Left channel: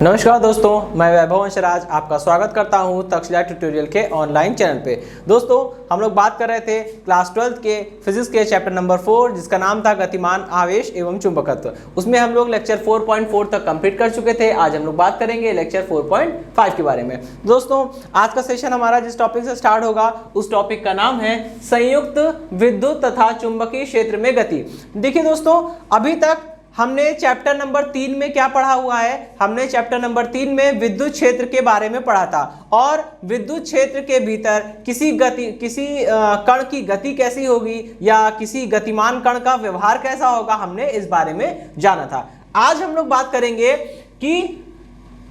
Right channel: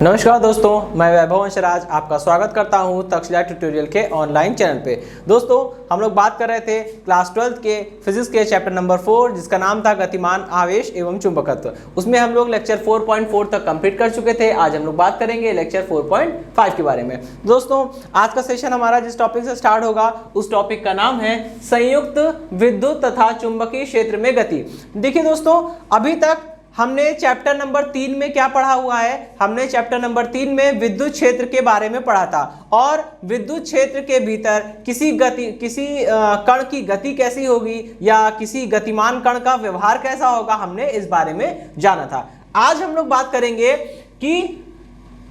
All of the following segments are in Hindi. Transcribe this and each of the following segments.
नमस्कार दोस्तों, मैं वैभव अंशराज आपका स्वागत करता हूं तक्षशिला ट्यूटोरियल के ऑनलाइन चैनल पे। दोस्तों, हम लोग बात कर रहे थे क्लास 12 के फिजिक्स के चैप्टर नंबर 4 जिसका नाम था गतिमान आवेश एवं चुंबकत्व। उसमें हम लोग लेक्चर 4.4 तक कंप्लीट कर चुके थे। आज हम लोग बात करेंगे लेक्चर 4.5 के बारे में। दोस्तों, आज का सेशन हमारा जिस टॉपिक से स्टार्ट होगा उस टॉपिक का नाम है संयुक्त विद्युत तथा चुंबकीय क्षेत्र में गति। देखिए दोस्तों, अभी तक हमने चैप्टर नंबर 3 में क्या पढ़ा हुआ है? हमने चैप्टर नंबर 3 में विद्युत क्षेत्र के बारे में पढ़ा था और विद्युत क्षेत्र के भीतर किसी कण की गति कैसी होगी या किसी गतिमान कण का व्यवहार कैसा होगा, हमने इस बारे में जाना था। आज हम लोग बात करेंगे कि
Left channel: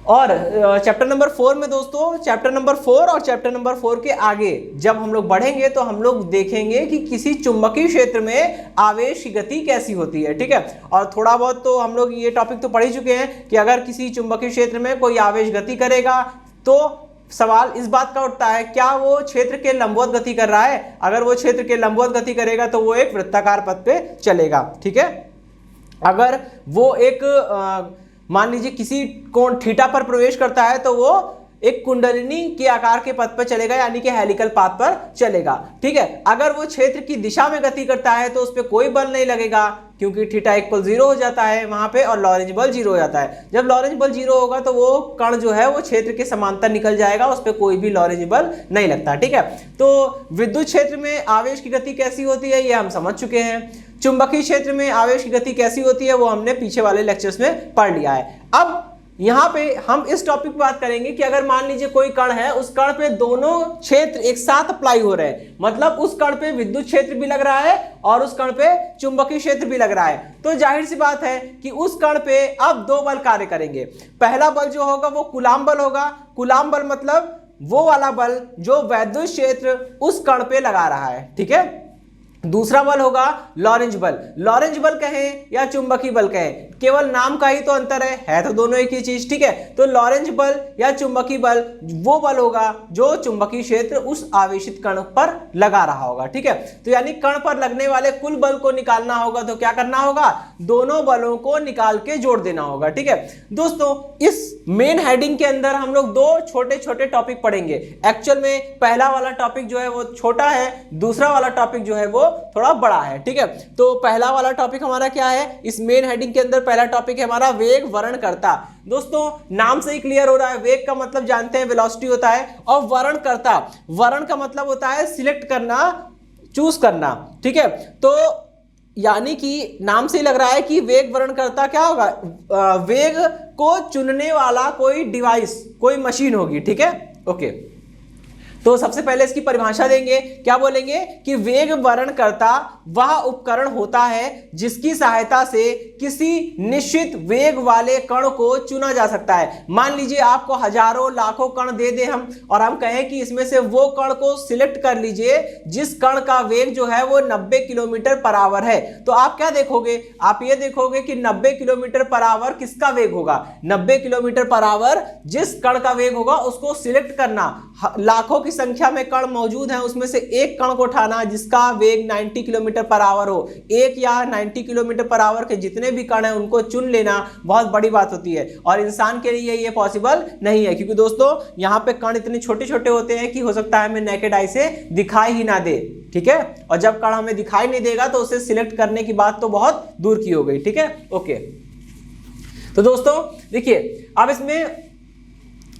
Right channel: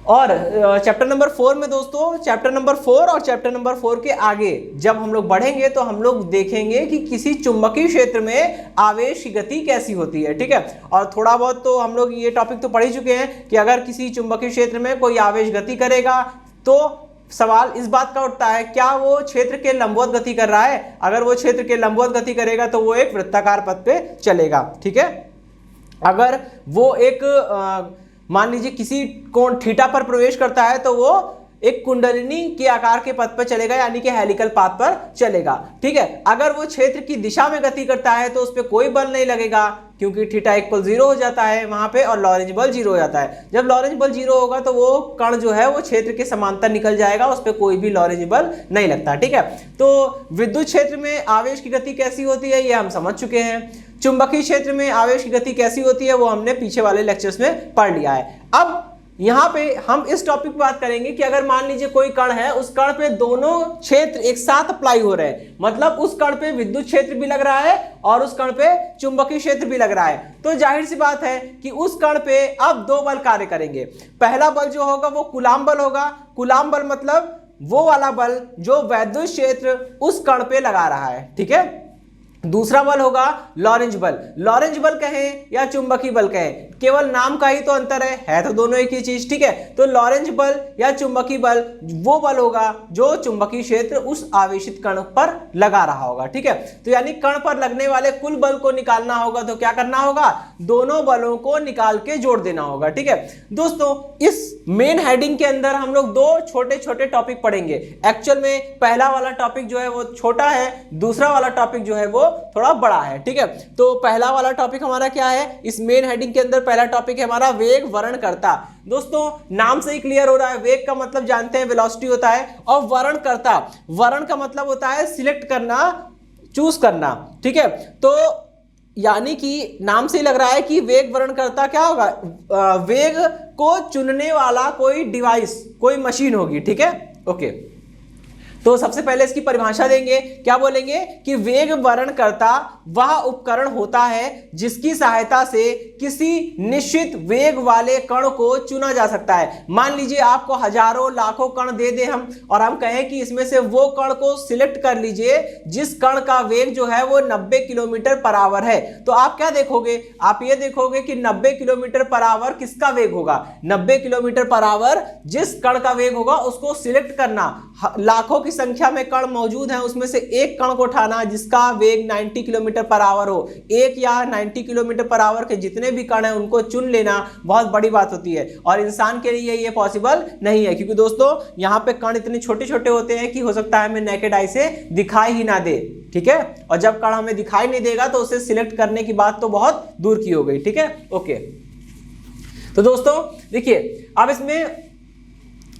और चैप्टर नंबर 4 में दोस्तों, चैप्टर नंबर 4 और चैप्टर नंबर 4 के आगे जब हम लोग बढ़ेंगे तो हम लोग देखेंगे कि किसी चुंबकीय क्षेत्र में आवेश की गति कैसी होती है। ठीक है, और थोड़ा बहुत तो हम लोग ये टॉपिक तो पढ़ ही चुके हैं कि अगर किसी चुंबकीय क्षेत्र में कोई आवेश गति करेगा तो सवाल इस बात का उठता है, क्या वो क्षेत्र के लंबवत गति कर रहा है? अगर वो क्षेत्र के लंबवत गति करेगा तो वो एक वृत्ताकार पथ पे चलेगा। ठीक है, अगर वो एक मान लीजिए किसी कोण थीटा पर प्रवेश करता है तो वो एक कुंडलिनी के आकार के पथ पर चलेगा, यानी कि हेलिकल पाथ पर चलेगा। ठीक है, अगर वो क्षेत्र की दिशा में गति करता है तो उस पर कोई बल नहीं लगेगा क्योंकि थीटा इक्वल 0 हो जाता है वहां पे और लॉरेंज बल 0 हो जाता है। जब लॉरेंज बल 0 होगा तो वो कण जो है वो क्षेत्र के समांतर निकल जाएगा, उस पर कोई भी लॉरेंज बल नहीं लगता। ठीक है, तो विद्युत क्षेत्र में आवेश की गति कैसी होती है ये हम समझ चुके हैं। चुंबकीय क्षेत्र में आवेश की गति कैसी होती है वो हमने पीछे वाले लेक्चर्स में पढ़ लिया है। अब यहाँ पे हम इस टॉपिक पे बात करेंगे कि अगर मान लीजिए कोई कण है, उस कण पे दोनों क्षेत्र एक साथ अप्लाई हो रहे हैं, मतलब उस कण पे विद्युत क्षेत्र भी लग रहा है और उस कण पे चुंबकीय क्षेत्र भी लग रहा है, तो जाहिर सी बात है कि उस कण पे अब दो बल कार्य करेंगे। पहला बल जो होगा वो कूलाम बल होगा। कूलाम बल मतलब वो वाला बल जो वैद्युत क्षेत्र उस कण पे लगा रहा है। ठीक है, दूसरा बल होगा लॉरेंज बल। लॉरेंज बल कहें या चुंबकीय बल कहें, केवल नाम का ही तो अंतर है तो दोनों एक ही चीज। ठीक है, तो लॉरेंज बल या चुंबकीय बल वो बल होगा जो चुंबकीय क्षेत्र उस आवेशित कण पर लगा रहा होगा। ठीक है, तो यानी कण पर लगने वाले कुल बल को निकालना होगा तो क्या करना होगा? दोनों बलों को निकाल के जोड़ देना होगा। ठीक है दोस्तों, इस मेन हेडिंग के अंदर हम लोग दो छोटे छोटे टॉपिक पढ़ेंगे। एक्चुअल में पहला वाला टॉपिक जो है वो छोटा है, दूसरा वाला टॉपिक जो है वो थोड़ा बड़ा है। ठीक है, तो पहला वाला टॉपिक हमारा क्या है? इस मेन हेडिंग के अंदर पहला टॉपिक है हमारा वेग वर्णकर्ता। दोस्तों, नाम से ही क्लियर हो रहा है, वेग का मतलब जानते हैं वेलोसिटी होता है और वर्णकर्ता, वर्ण का मतलब होता है सिलेक्ट करना, चूज करना। ठीक है, तो यानी कि नाम से ही लग रहा है कि वेग वर्णकर्ता क्या होगा? वेग को चुनने वाला कोई डिवाइस, कोई मशीन होगी। ठीक है, ओके, तो सबसे पहले इसकी परिभाषा देंगे। क्या बोलेंगे कि वेग वर्णकर्ता वह उपकरण होता है जिसकी सहायता से किसी निश्चित वेग वाले कण को चुना जा सकता है। मान लीजिए आपको हजारों लाखों कण दे दे हम और हम कहें कि इसमें से वो कण को सिलेक्ट कर लीजिए जिस कण का वेग जो है वो 90 किलोमीटर पर आवर है, तो आप क्या देखोगे? आप ये देखोगे कि 90 किलोमीटर पर आवर किसका वेग होगा? 90 किलोमीटर पर आवर जिस कण का वेग होगा उसको सिलेक्ट करना। लाखों की संख्या में कण मौजूद हैं, उसमें से एक कण को उठाना जिसका वेग 90 किलोमीटर पर आवर हो। एक या 90 किलोमीटर पर आवर के जितने भी कण हैं उनको चुन लेना बहुत बड़ी बात होती है और इंसान के लिए ये पॉसिबल नहीं है क्योंकि दोस्तों यहाँ पे कण इतने छोटे छोटे होते हैं कि हो सकता है हमें नेकेड आई से दिखाई ही ना दे। ठीक है, और जब कण हमें दिखाई नहीं देगा तो उसे सिलेक्ट करने की बात तो बहुत दूर की हो गई। ठीक है, ओके, तो दोस्तों देखिए, अब इसमें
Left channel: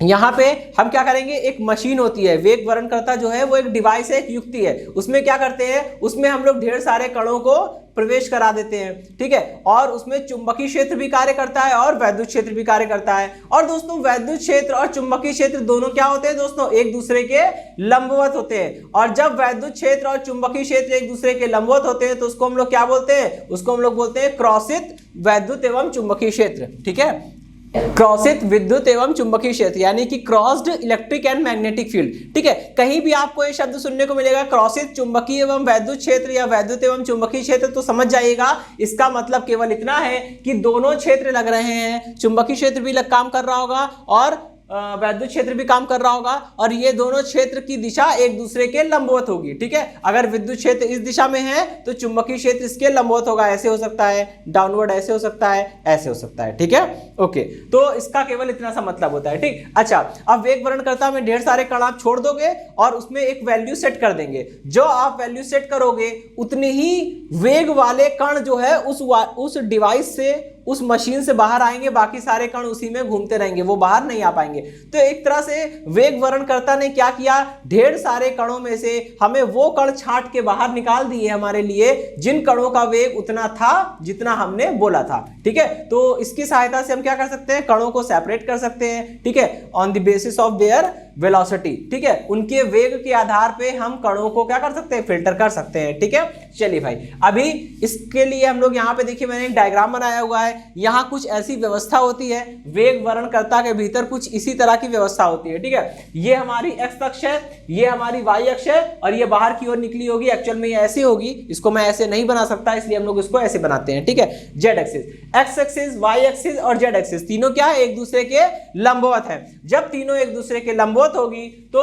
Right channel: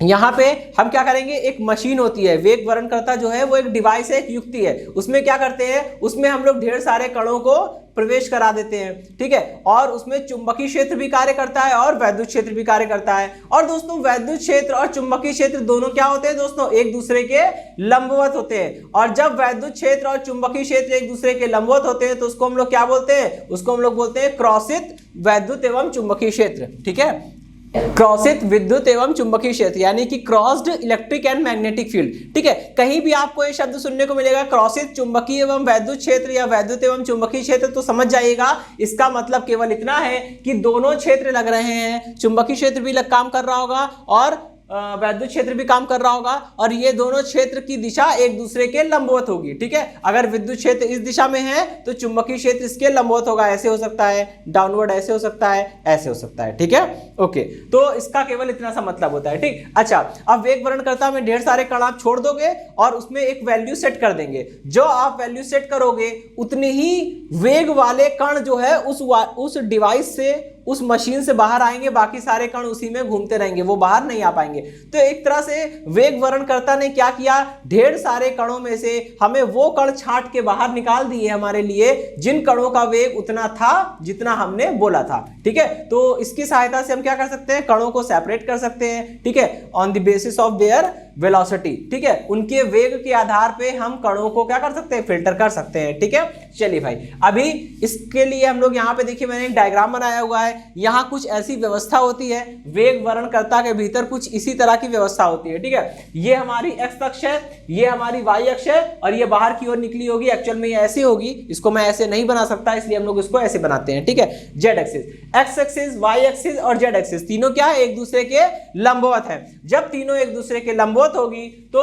यहाँ पे हम क्या करेंगे, एक मशीन होती है, वेग वर्णकर्ता जो है वो एक डिवाइस है, एक युक्ति है। उसमें क्या करते हैं, उसमें हम लोग ढेर सारे कणों को प्रवेश करा देते हैं। ठीक है, और उसमें चुंबकीय क्षेत्र भी कार्य करता है और वैद्युत क्षेत्र भी कार्य करता है। और दोस्तों, वैद्युत क्षेत्र और चुंबकीय क्षेत्र दोनों क्या होते हैं दोस्तों? एक दूसरे के लंबवत होते हैं। और जब वैद्युत क्षेत्र और चुंबकीय क्षेत्र एक दूसरे के लंबवत होते हैं तो उसको हम लोग क्या बोलते हैं? उसको हम लोग बोलते हैं क्रॉसित वैद्युत एवं चुंबकीय क्षेत्र। ठीक है, क्रॉसित विद्युत एवं चुंबकीय क्षेत्र यानी कि crossed electric and magnetic field. ठीक है, कहीं भी आपको ये शब्द सुनने को मिलेगा क्रॉसित चुंबकीय एवं वैद्युत क्षेत्र या वैद्युत एवं चुंबकीय क्षेत्र, तो समझ जाइएगा इसका मतलब केवल इतना है कि दोनों क्षेत्र लग रहे हैं, चुंबकीय क्षेत्र भी काम कर रहा होगा और वैद्युत क्षेत्र भी काम कर रहा होगा और ये दोनों क्षेत्र की दिशा एक दूसरे के लंबवत होगी। ठीक है, अगर विद्युत क्षेत्र इस दिशा में है तो चुंबकीय क्षेत्र इसके लंबवत होगा, ऐसे हो सकता है, डाउनवर्ड ऐसे हो सकता है, ऐसे हो सकता है। ठीक है, ओके, तो इसका केवल इतना सा मतलब होता है। ठीक, अच्छा, अब वेग वर्णनकर्ता में ढेर सारे कण आप छोड़ दोगे और उसमें एक वैल्यू सेट कर देंगे। जो आप वैल्यू सेट करोगे उतनी ही वेग वाले कण जो है उस डिवाइस से, उस मशीन से बाहर आएंगे, बाकी सारे कण उसी में घूमते रहेंगे, वो बाहर नहीं आ पाएंगे। तो एक तरह से वेग वर्णनकर्ता ने क्या किया, ढेर सारे कणों में से हमें वो कण छांट के बाहर निकाल दिए हमारे लिए जिन कणों का वेग उतना था जितना हमने बोला था। ठीक है, तो इसकी सहायता से हम क्या कर सकते हैं, कणों को सेपरेट कर सकते हैं। ठीक है, on the basis of their velocity. ठीक है, उनके वेग के आधार पे हम कणों को क्या कर सकते हैं, फिल्टर कर सकते हैं। ठीक है, चलिए भाई, अभी इसके लिए हम लोग यहाँ पे देखिए मैंने एक डायग्राम बनाया हुआ है। यहाँ कुछ ऐसी व्यवस्था होती है, वेग वर्णनकर्ता के भीतर कुछ इसी तरह की व्यवस्था होती है। ठीक है, ये हमारी एक्स अक्ष है, ये हमारी वाई अक्ष है और ये बाहर की ओर निकली होगी। एक्चुअल में ये ऐसी होगी, इसको मैं ऐसे नहीं बना सकता, इसलिए हम लोग इसको ऐसे बनाते हैं। ठीक है, Z axis, X axis, Y axis और जेड एक्सिस तीनों क्या है, एक दूसरे के लंबवत है। जब तीनों एक दूसरे के लंबवत होगी तो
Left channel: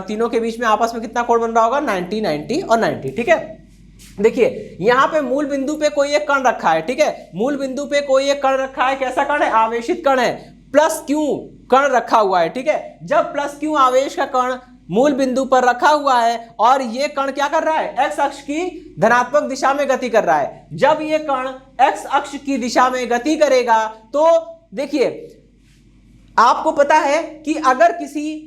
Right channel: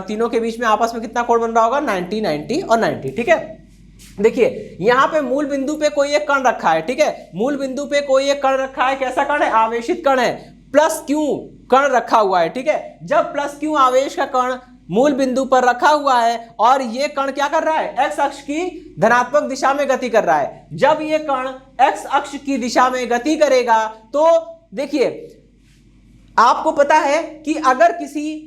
तीनों के बीच में आपस में कितना कोण बन रहा होगा, 90, 90 और 90। ठीक है, देखिए यहां पे मूल बिंदु पे कोई एक कण रखा है। ठीक है, मूल बिंदु पे कोई एक कण रखा है, कैसा कण है, आवेशित कण है, प्लस क्यू कण रखा हुआ है। ठीक है, जब प्लस क्यू आवेश का कण मूल बिंदु पर रखा हुआ है और ये कण क्या कर रहा है, एक्स अक्ष की धनात्मक दिशा में गति कर रहा है। जब ये कण एक्स अक्ष की दिशा में गति करेगा तो देखिए आपको पता है कि अगर किसी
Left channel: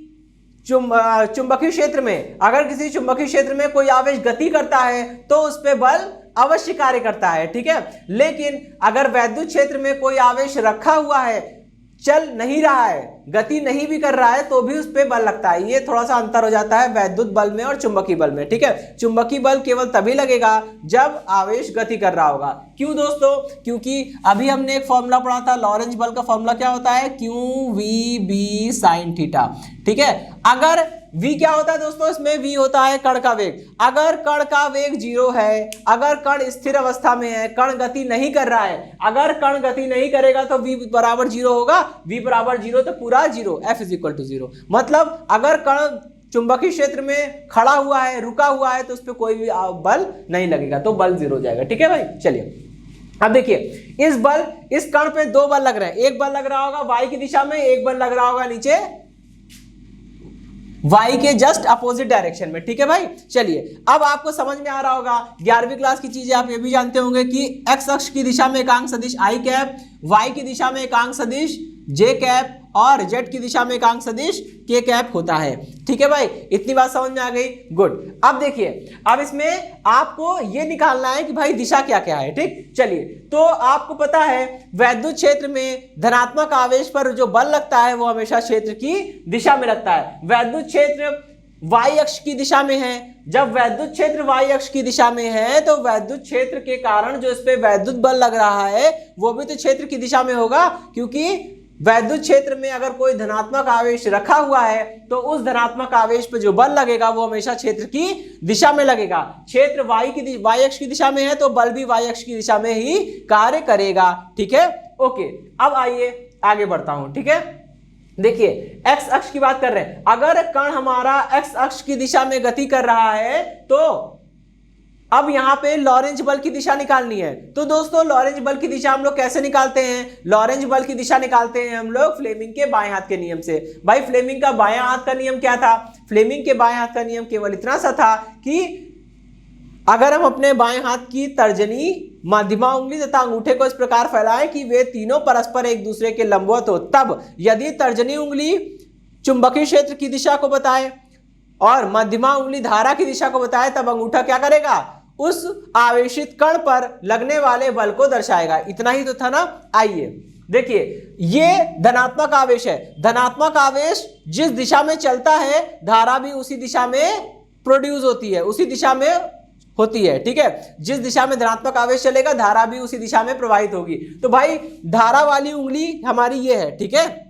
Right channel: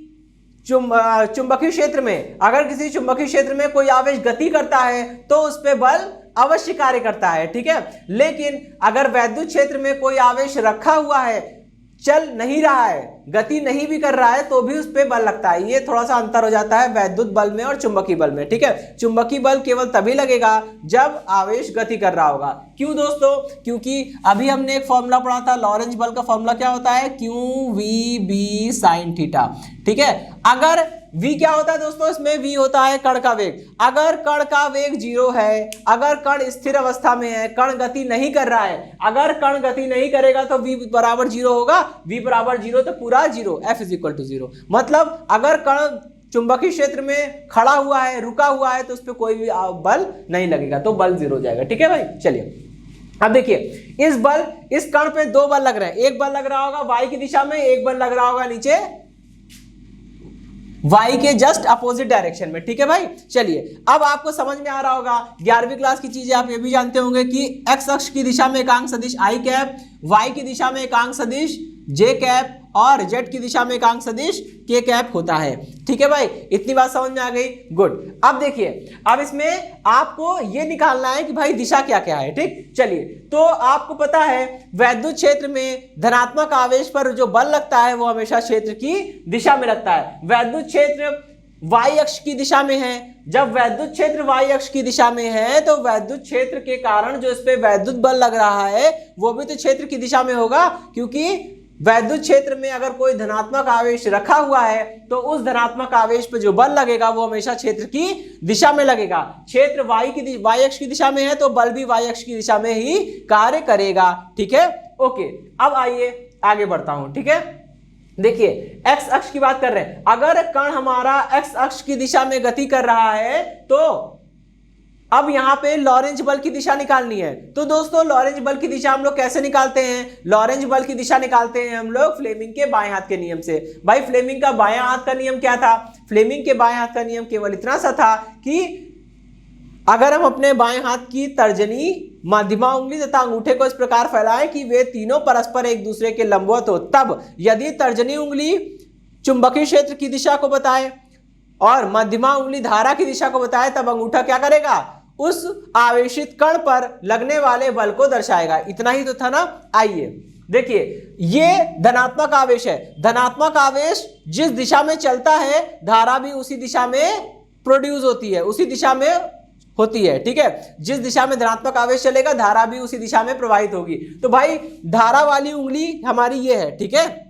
चुंबकीय क्षेत्र में, अगर किसी चुंबकीय क्षेत्र में कोई आवेश गति करता है तो उस पर बल अवश्य कार्य करता है। ठीक है, लेकिन अगर वैद्युत क्षेत्र में कोई आवेश रखा हुआ है, चल नहीं रहा है, गति नहीं भी कर रहा है, तो भी उस पर बल लगता है। ये थोड़ा सा अंतर हो जाता है वैद्युत बल में और चुंबकीय बल में। ठीक है, चुंबकीय बल केवल तभी लगेगा जब आवेश गति कर रहा होगा। क्यों दोस्तों, क्योंकि अभी हमने एक फॉर्मूला पढ़ा था, लॉरेंज बल का फॉर्मूला क्या होता है, QV sin थीटा। ठीक है, अगर V क्या होता है दोस्तों, इसमें V होता है कण का वेग। अगर कण का वेग 0 है, अगर कण स्थिर अवस्था में है, कण गति नहीं कर रहा है, अगर कण गति नहीं करेगा तो V बराबर 0 होगा, V बराबर 0 तो पूरा 0, F इज इक्वल टू 0। मतलब अगर कण चुंबकीय क्षेत्र में खड़ा हुआ है, रुका हुआ है, तो उस पर कोई भी बल नहीं लगेगा, तो बल 0 हो जाएगा। ठीक है भाई, चलिए अब देखिए इस कण पे दो बल लग रहे हैं। एक बल लग रहा होगा वाई की दिशा में, एक बल लग रहा होगा नीचे वाई के जस्ट अपोजिट डायरेक्शन में। ठीक है भाई, चलिए अब आपको समझ में आ रहा होगा, 11वीं क्लास की चीजें आप ये भी जानते होंगे कि एक्स अक्ष की दिशा में एकांक सदिश आई कैप, वाई की दिशा में एकांक सदिश जे कैप और जेड की दिशा में एकांक सदिश के कैप होता है। ठीक है भाई, इतनी बात समझ में आ गई, गुड। अब देखिए, अब इसमें आपको ये निकालना है कि भाई दिशा क्या क्या है। ठीक, चलिए, तो आपको पता है वैद्युत क्षेत्र में धनात्मक आवेश पर जो बल लगता है वो हमेशा क्षेत्र की दिशा में लगता है। वैद्युत क्षेत्र वाई अक्ष की दिशा में है, जब वैद्युत क्षेत्र वाई अक्ष की दिशा में है तो वैद्युत क्षेत्र के कारण जो इस पे वैद्युत बल लग रहा है वो भी तो क्षेत्र की दिशा में होगा, क्योंकि वैद्युत क्षेत्र में अगर कोई धनात्मक आवेश रखा हुआ है तो उस धनात्मक आवेश पर जो बल लगेगा वो हमेशा क्षेत्र की दिशा में लगेगा। क्षेत्र वाई अक्ष की दिशा में है तो बल भी वाई अक्ष की दिशा में ही कार्य करेगा। ठीक है, ओके। अब आइए आगे बढ़ता हूं। ठीक है, देखिए एक्स अक्ष की बात कर रहे हैं। अगर कण हमारा एक्स अक्ष की दिशा में गति कर रहा है तो अब यहां पे लॉरेंज बल की दिशा निकालनी है। तो दोस्तों लॉरेंज बल की दिशा हम लोग कैसे निकालते हैं, लॉरेंज बल की दिशा निकालते हैं हम लोग फ्लेमिंग के बाएं हाथ के नियम से। भाई फ्लेमिंग का बाएं हाथ का नियम क्या था, फ्लेमिंग के बाएं हाथ का नियम केवल इतना सा था कि अगर हम अपने बाएं हाथ की तर्जनी, मध्यमा उंगली तथा अंगूठे को इस प्रकार फैलाएं कि वे तीनों परस्पर एक दूसरे के लंबवत हो, तब यदि तर्जनी उंगली चुंबकीय क्षेत्र की दिशा को बताए और मध्यमा उंगली धारा की दिशा को बताए, तब अंगूठा क्या करेगा, उस आवेशित कण पर लगने वाले बल को दर्शाएगा। इतना ही तो था ना। आइए देखिए, ये धनात्मक आवेश है। धनात्मक आवेश जिस दिशा में चलता है धारा भी उसी दिशा में प्रोड्यूस होती है, उसी दिशा में होती है। ठीक है, जिस दिशा में धनात्मक आवेश चलेगा धारा भी उसी दिशा में प्रवाहित होगी। तो भाई धारा वाली उंगली हमारी ये है। ठीक है,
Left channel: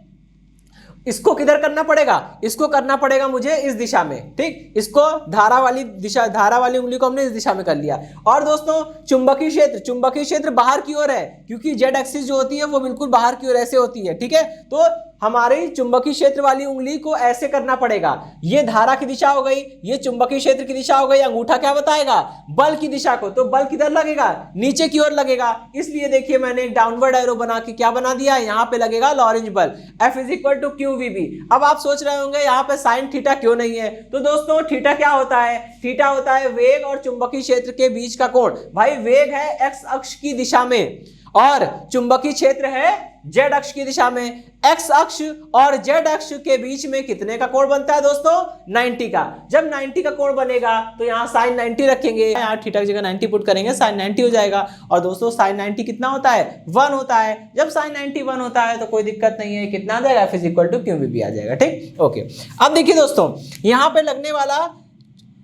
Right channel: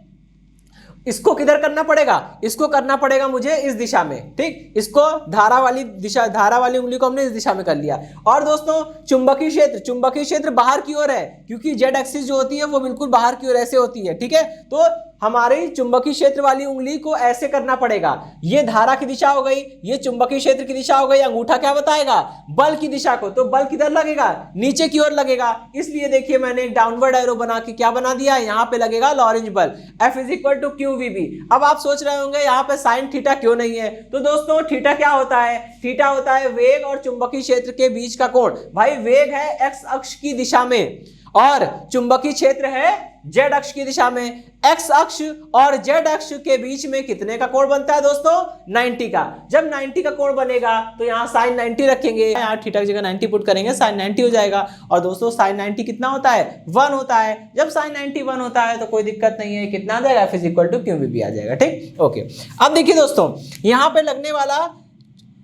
इसको किधर करना पड़ेगा, इसको करना पड़ेगा मुझे इस दिशा में। ठीक, इसको धारा वाली उंगली को हमने इस दिशा में कर लिया। और दोस्तों चुंबकीय क्षेत्र बाहर की ओर है, क्योंकि जेड एक्सिस जो होती है वो बिल्कुल बाहर की ओर ऐसे होती है। ठीक है, तो हमारी चुंबकीय क्षेत्र वाली उंगली को ऐसे करना पड़ेगा। ये धारा की दिशा हो गई, ये चुंबकीय क्षेत्र की दिशा हो गई, अंगूठा क्या बताएगा, बल की दिशा को। तो बल किधर लगेगा, नीचे की ओर लगेगा। इसलिए देखिए मैंने एक डाउनवर्ड एरो बना के क्या बना दिया, यहाँ पे लगेगा लॉरेंज बल, F = QVB। अब आप सोच रहे होंगे यहाँ पे साइन थीटा क्यों नहीं है। तो दोस्तों थीटा क्या होता है, थीटा होता है वेग और चुंबकीय क्षेत्र के बीच का कोण। भाई वेग है x अक्ष की दिशा में और चुंबकीय क्षेत्र है z अक्ष की दिशा में। x अक्ष और z अक्ष के बीच में कितने का कोण बनता है दोस्तों, 90 का। जब 90 का कोण बनेगा तो यहाँ साइन 90 रखेंगे, यहाँ थीटा की जगह 90 पुट करेंगे, साइन 90 हो जाएगा। और दोस्तों साइन 90 कितना होता है, 1 होता है। जब साइन 90 1 होता है तो कोई दिक्कत नहीं है, कितना आ जाएगा, F = QVB आ जाएगा। ठीक, ओके। अब देखिए दोस्तों यहाँ पे लगने वाला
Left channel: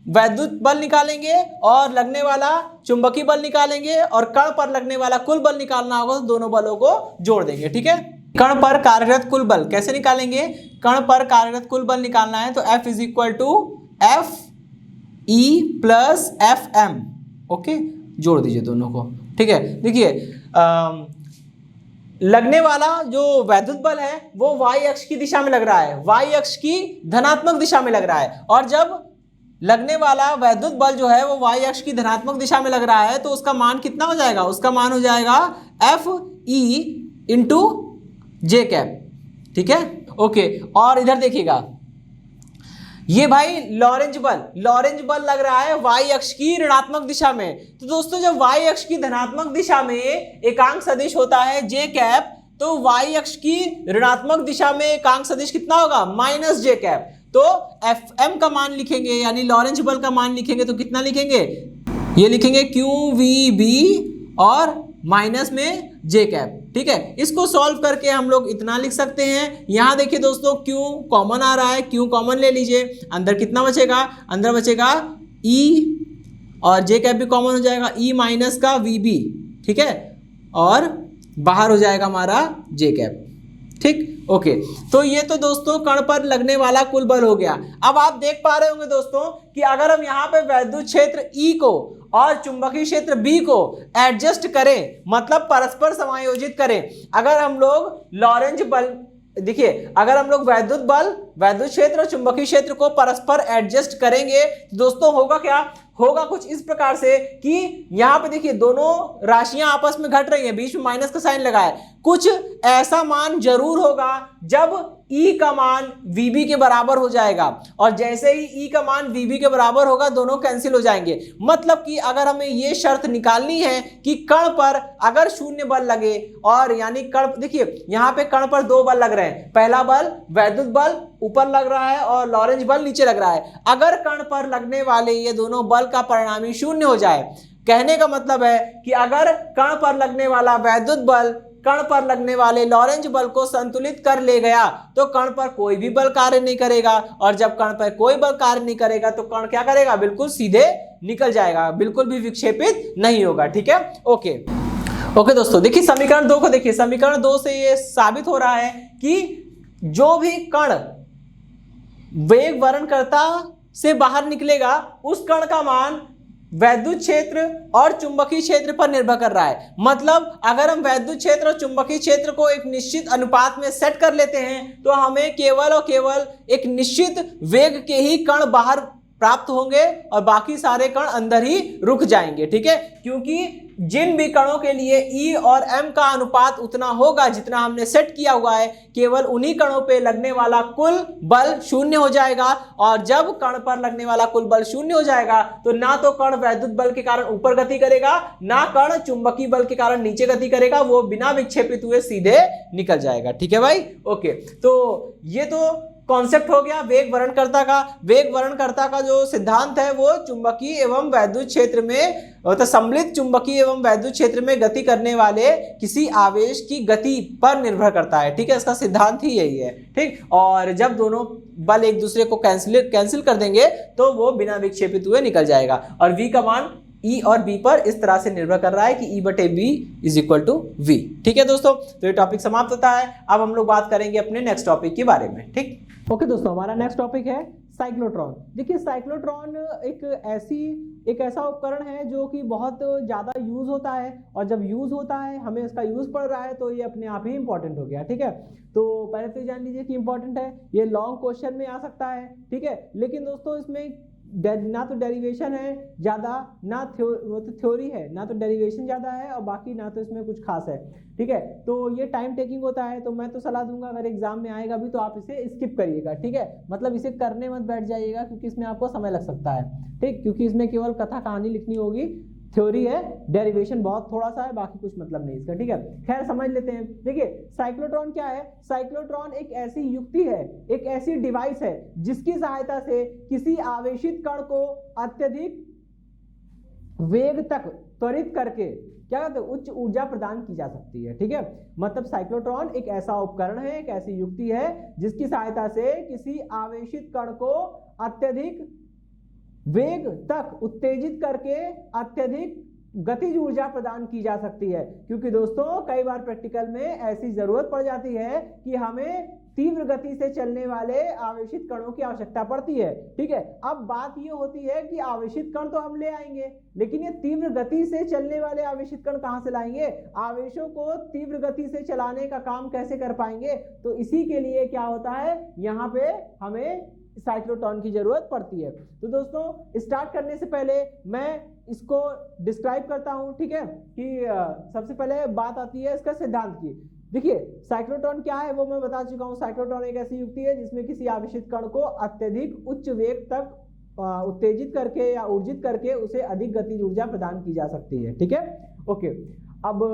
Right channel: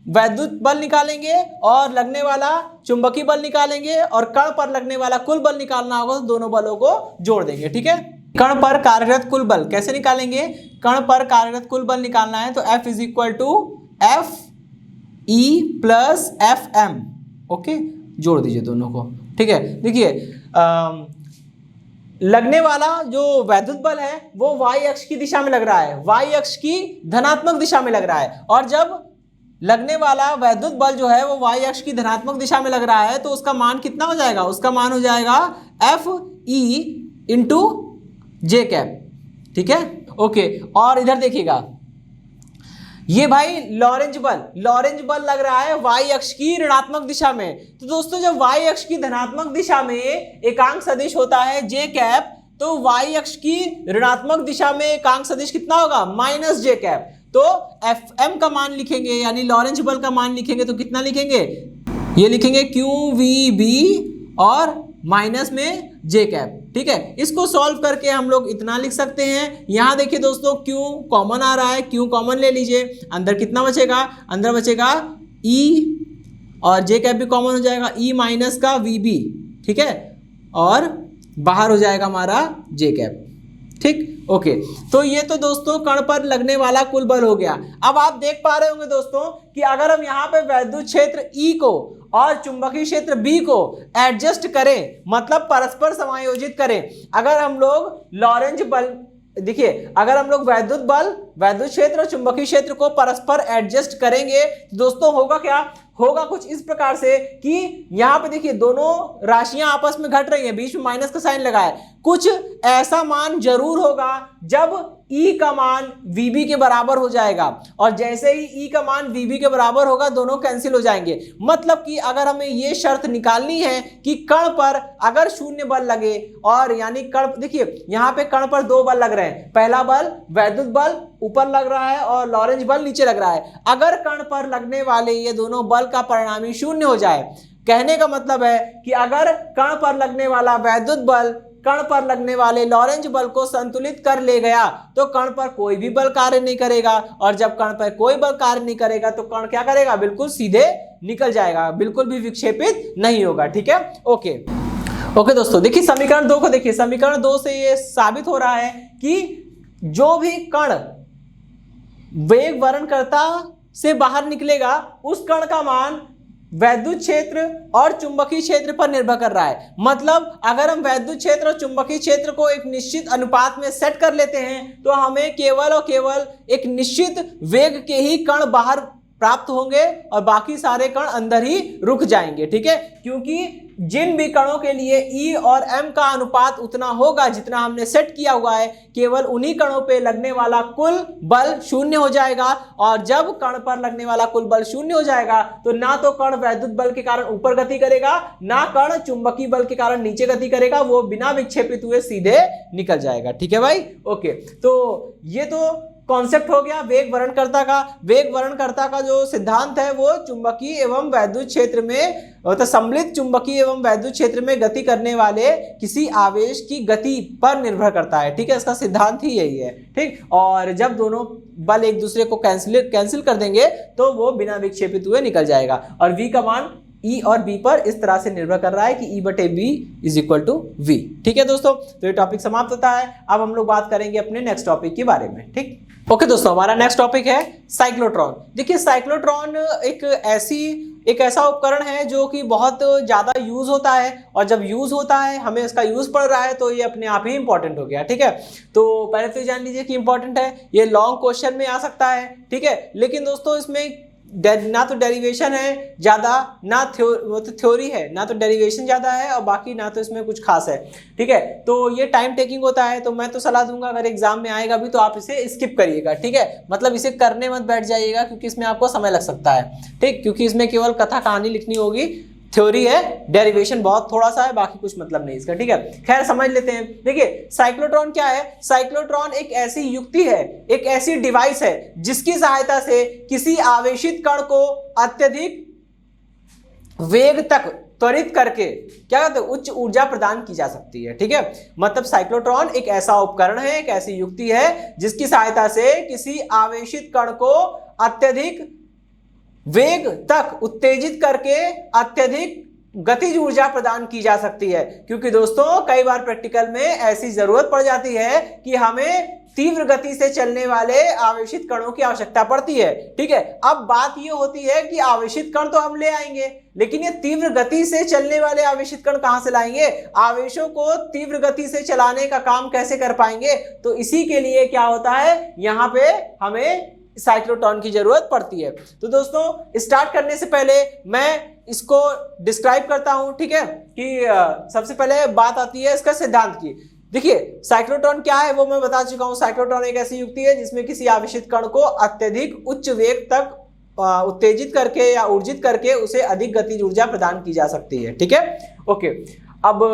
वैद्युत बल निकालेंगे और लगने वाला चुंबकीय बल निकालेंगे और कण पर लगने वाला कुल बल निकालना होगा, तो दोनों बलों को जोड़ देंगे। ठीक है, कण पर कार्यरत कुल बल कैसे निकालेंगे, कण पर कार्यरत कुल बल निकालना है तो F = Fe + Fm। ओके, जोड़ दीजिए दोनों को। ठीक है, देखिए लगने वाला जो वैद्युत बल है वो y अक्ष की दिशा में लग रहा है, y अक्ष की धनात्मक दिशा में लग रहा है। और जब लगने वाला वैद्युत बल जो है वो y अक्ष की धनात्मक दिशा में लग रहा है तो उसका मान कितना हो जाएगा, उसका मान हो जाएगा Fe × J। ठीक है, ओके। और इधर देखिएगा ये भाई लॉरेंज बल लग रहा है y अक्ष की ऋणात्मक दिशा में। तो दोस्तों जब y अक्ष की धनात्मक दिशा में एकांक सदिश होता है J, तो y अक्ष की ऋणात्मक दिशा में एकांक सदिश कितना होगा, -J। तो Fm का मान लिखेंगे यानी लॉरेंज बल का मान लिखेंगे तो कितना लिखेंगे, ये लिखेंगे QVB और माइनस में J। ठीक है, इसको सॉल्व करके हम लोग इतना लिख सकते हैं। यहाँ देखिए दोस्तों Q कॉमन आ रहा है, Q कॉमन ले लीजिए, अंदर कितना बचेगा, अंदर बचेगा E और J भी कॉमन हो जाएगा, E- का VB। ठीक है, और बाहर हो जाएगा हमारा J। ठीक, ओके। तो ये तो दोस्तों कण पर लगने वाला कुल बल हो गया। अब आप देख पा रहे होंगे दोस्तों कि अगर हम यहाँ पे वैद्युत क्षेत्र E को और चुंबकीय क्षेत्र B को एडजस्ट करें, मतलब परस्पर समायोजित करें, अगर हम लोग लॉरेंज बल, देखिए अगर हम लोग वैद्युत बल, वैद्युत क्षेत्र और चुंबकीय क्षेत्र को परस्पर एडजस्ट करेंगे तो दोस्तों होगा क्या, होगा कुछ इस प्रकार से कि यहाँ पे देखिए दोनों राशियां आपस में घट रही हैं, बीच में माइनस का साइन लगा है। कुछ ऐसा मान जरूर होगा जब E का मान VB के बराबर हो जाएगा, और जैसे ही E का मान VB के बराबर होगा दोनों कैंसिल हो जाएंगे। मतलब कि अगर हमें ये शर्त निकालनी है कि कण पर अगर शून्य बल लगे, और यानी कण, देखिए यहाँ पे कण पर दो बल लग रहे हैं, पहला बल वैद्युत बल ऊपर लग रहा है और लॉरेंज बल नीचे लग रहा है। अगर कण पर लगने वाले ये दोनों बल का परिणामी शून्य हो जाए, कहने का मतलब है कि अगर कण पर लगने वाला वैद्युत बल कण पर लगने वाले लॉरेंज बल को संतुलित कर ले गया तो कण पर कोई भी बल कार्य नहीं करेगा, और जब कण पर कोई बल कार्य नहीं करेगा तो कण क्या करेगा, बिल्कुल सीधे निकल जाएगा, बिल्कुल भी विक्षेपित नहीं होगा। ठीक है, ओके दोस्तों, देखिए समीकरण 2 को देखिए। समीकरण 2 से ये साबित हो रहा है कि जो भी कण वेग वर्णकर्ता से बाहर निकलेगा उस कण का मान वैद्युत क्षेत्र और चुंबकीय क्षेत्र पर निर्भर कर रहा है। मतलब अगर हम वैद्युत क्षेत्र और चुंबकीय क्षेत्र को एक निश्चित अनुपात में सेट कर लेते हैं तो हमें केवल और केवल एक निश्चित वेग के ही कण बाहर प्राप्त होंगे और बाकी सारे कण अंदर ही रुक जाएंगे। ठीक है, क्योंकि जिन भी कणों के लिए E और M का अनुपात उतना होगा जितना हमने सेट किया हुआ है, केवल उन्हीं कणों पे लगने वाला कुल बल शून्य हो जाएगा। और जब कण पर लगने वाला कुल बल शून्य हो जाएगा तो ना तो कण वैद्युत बल के कारण ऊपर गति करेगा, ना कण चुंबकीय बल के कारण नीचे गति करेगा, वो बिना विक्षेपित हुए सीधे निकल जाएगा। ठीक है भाई, ओके। तो ये तो कॉन्सेप्ट हो गया वेग वर्णकर्ता का। वेग वर्णकर्ता का जो सिद्धांत है वो चुंबकीय एवं वैद्युत क्षेत्र में, तो सम्मिलित चुंबकीय एवं वैद्युत क्षेत्र में गति करने वाले किसी आवेश की गति पर निर्भर करता है। ठीक है, इसका सिद्धांत ही यही है। ठीक, और जब दोनों बल एक दूसरे को कैंसिल कर देंगे तो वो बिना विक्षेपित हुए निकल जाएगा और V का मान ई और बी पर इस तरह से निर्भर कर रहा है कि ई बटे B is equal to V. ठीक है दोस्तों, तो ये टॉपिक समाप्त होता है। अब हम लोग बात करेंगे अपने नेक्स्ट टॉपिक के बारे में। ठीक, ओके दोस्तों, हमारा नेक्स्ट टॉपिक है साइक्लोट्रॉन। देखिए साइक्लोट्रॉन एक ऐसा उपकरण है जो कि बहुत ज़्यादा यूज़ होता है, और जब यूज़ होता है हमें इसका यूज़ पड़ रहा है तो ये अपने आप ही इंपॉर्टेंट हो गया। ठीक है, तो पहले तो जान लीजिए कि इंपॉर्टेंट है, ये लॉन्ग क्वेश्चन में आ सकता है। ठीक है, लेकिन दोस्तों इसमें ना तो डेरिवेशन है ज़्यादा, ना थ्योरी है, ना तो डेरिवेशन ज़्यादा है और बाकी ना तो इसमें कुछ खास है। ठीक है, तो ये टाइम टेकिंग होता है, तो मैं तो सलाह दूंगा अगर एग्जाम में आएगा भी तो आप इसे स्किप करिएगा। ठीक है, मतलब इसे करने मत बैठ जाइएगा क्योंकि इसमें आपको समय लग सकता है। ठीक, क्योंकि इसमें केवल कथा कहानी लिखनी होगी, थ्योरी है, डेरिवेशन बहुत थोड़ा सा है, बाकी कुछ मतलब नहीं इसका। ठीक है, खैर समझ लेते हैं। देखिए साइक्लोट्रॉन क्या है? साइक्लोट्रॉन एक ऐसी युक्ति है, एक ऐसी डिवाइस है जिसकी सहायता से किसी आवेशित कण को अत्यधिक वेग तक त्वरित करके क्या कहते हैं उच्च ऊर्जा प्रदान की जा सकती है। ठीक है, मतलब साइक्लोट्रॉन एक ऐसा उपकरण है, एक ऐसी युक्ति है जिसकी सहायता से किसी आवेशित कण को अत्यधिक वेग तक उत्तेजित करके अत्यधिक गतिज ऊर्जा प्रदान की जा सकती है। क्योंकि दोस्तों कई बार प्रैक्टिकल में ऐसी जरूरत पड़ जाती है कि हमें तीव्र गति से चलने वाले आवेशित कणों की आवश्यकता पड़ती है। ठीक है, अब बात ये होती है कि आवेशित कण तो हम ले आएंगे, लेकिन ये तीव्र गति से चलने वाले आवेशित कण कहां से लाएंगे? आवेशों को तीव्र गति से चलाने का काम कैसे कर पाएंगे? तो इसी के लिए क्या होता है, यहाँ पे हमें साइक्लोट्रॉन की जरूरत पड़ती है। तो दोस्तों स्टार्ट करने से पहले मैं इसको डिस्क्राइब करता हूं। ठीक है, कि सबसे पहले बात आती है इसका सिद्धांत की। देखिए साइक्लोट्रॉन क्या है वो मैं बता चुका हूं। साइक्लोट्रॉन एक ऐसी युक्ति है जिसमें किसी आवेशित कण को अत्यधिक उच्च वेग तक उत्तेजित करके या ऊर्जित करके उसे अधिक गतिज ऊर्जा प्रदान की जा सकती है। ठीक है, ओके। अब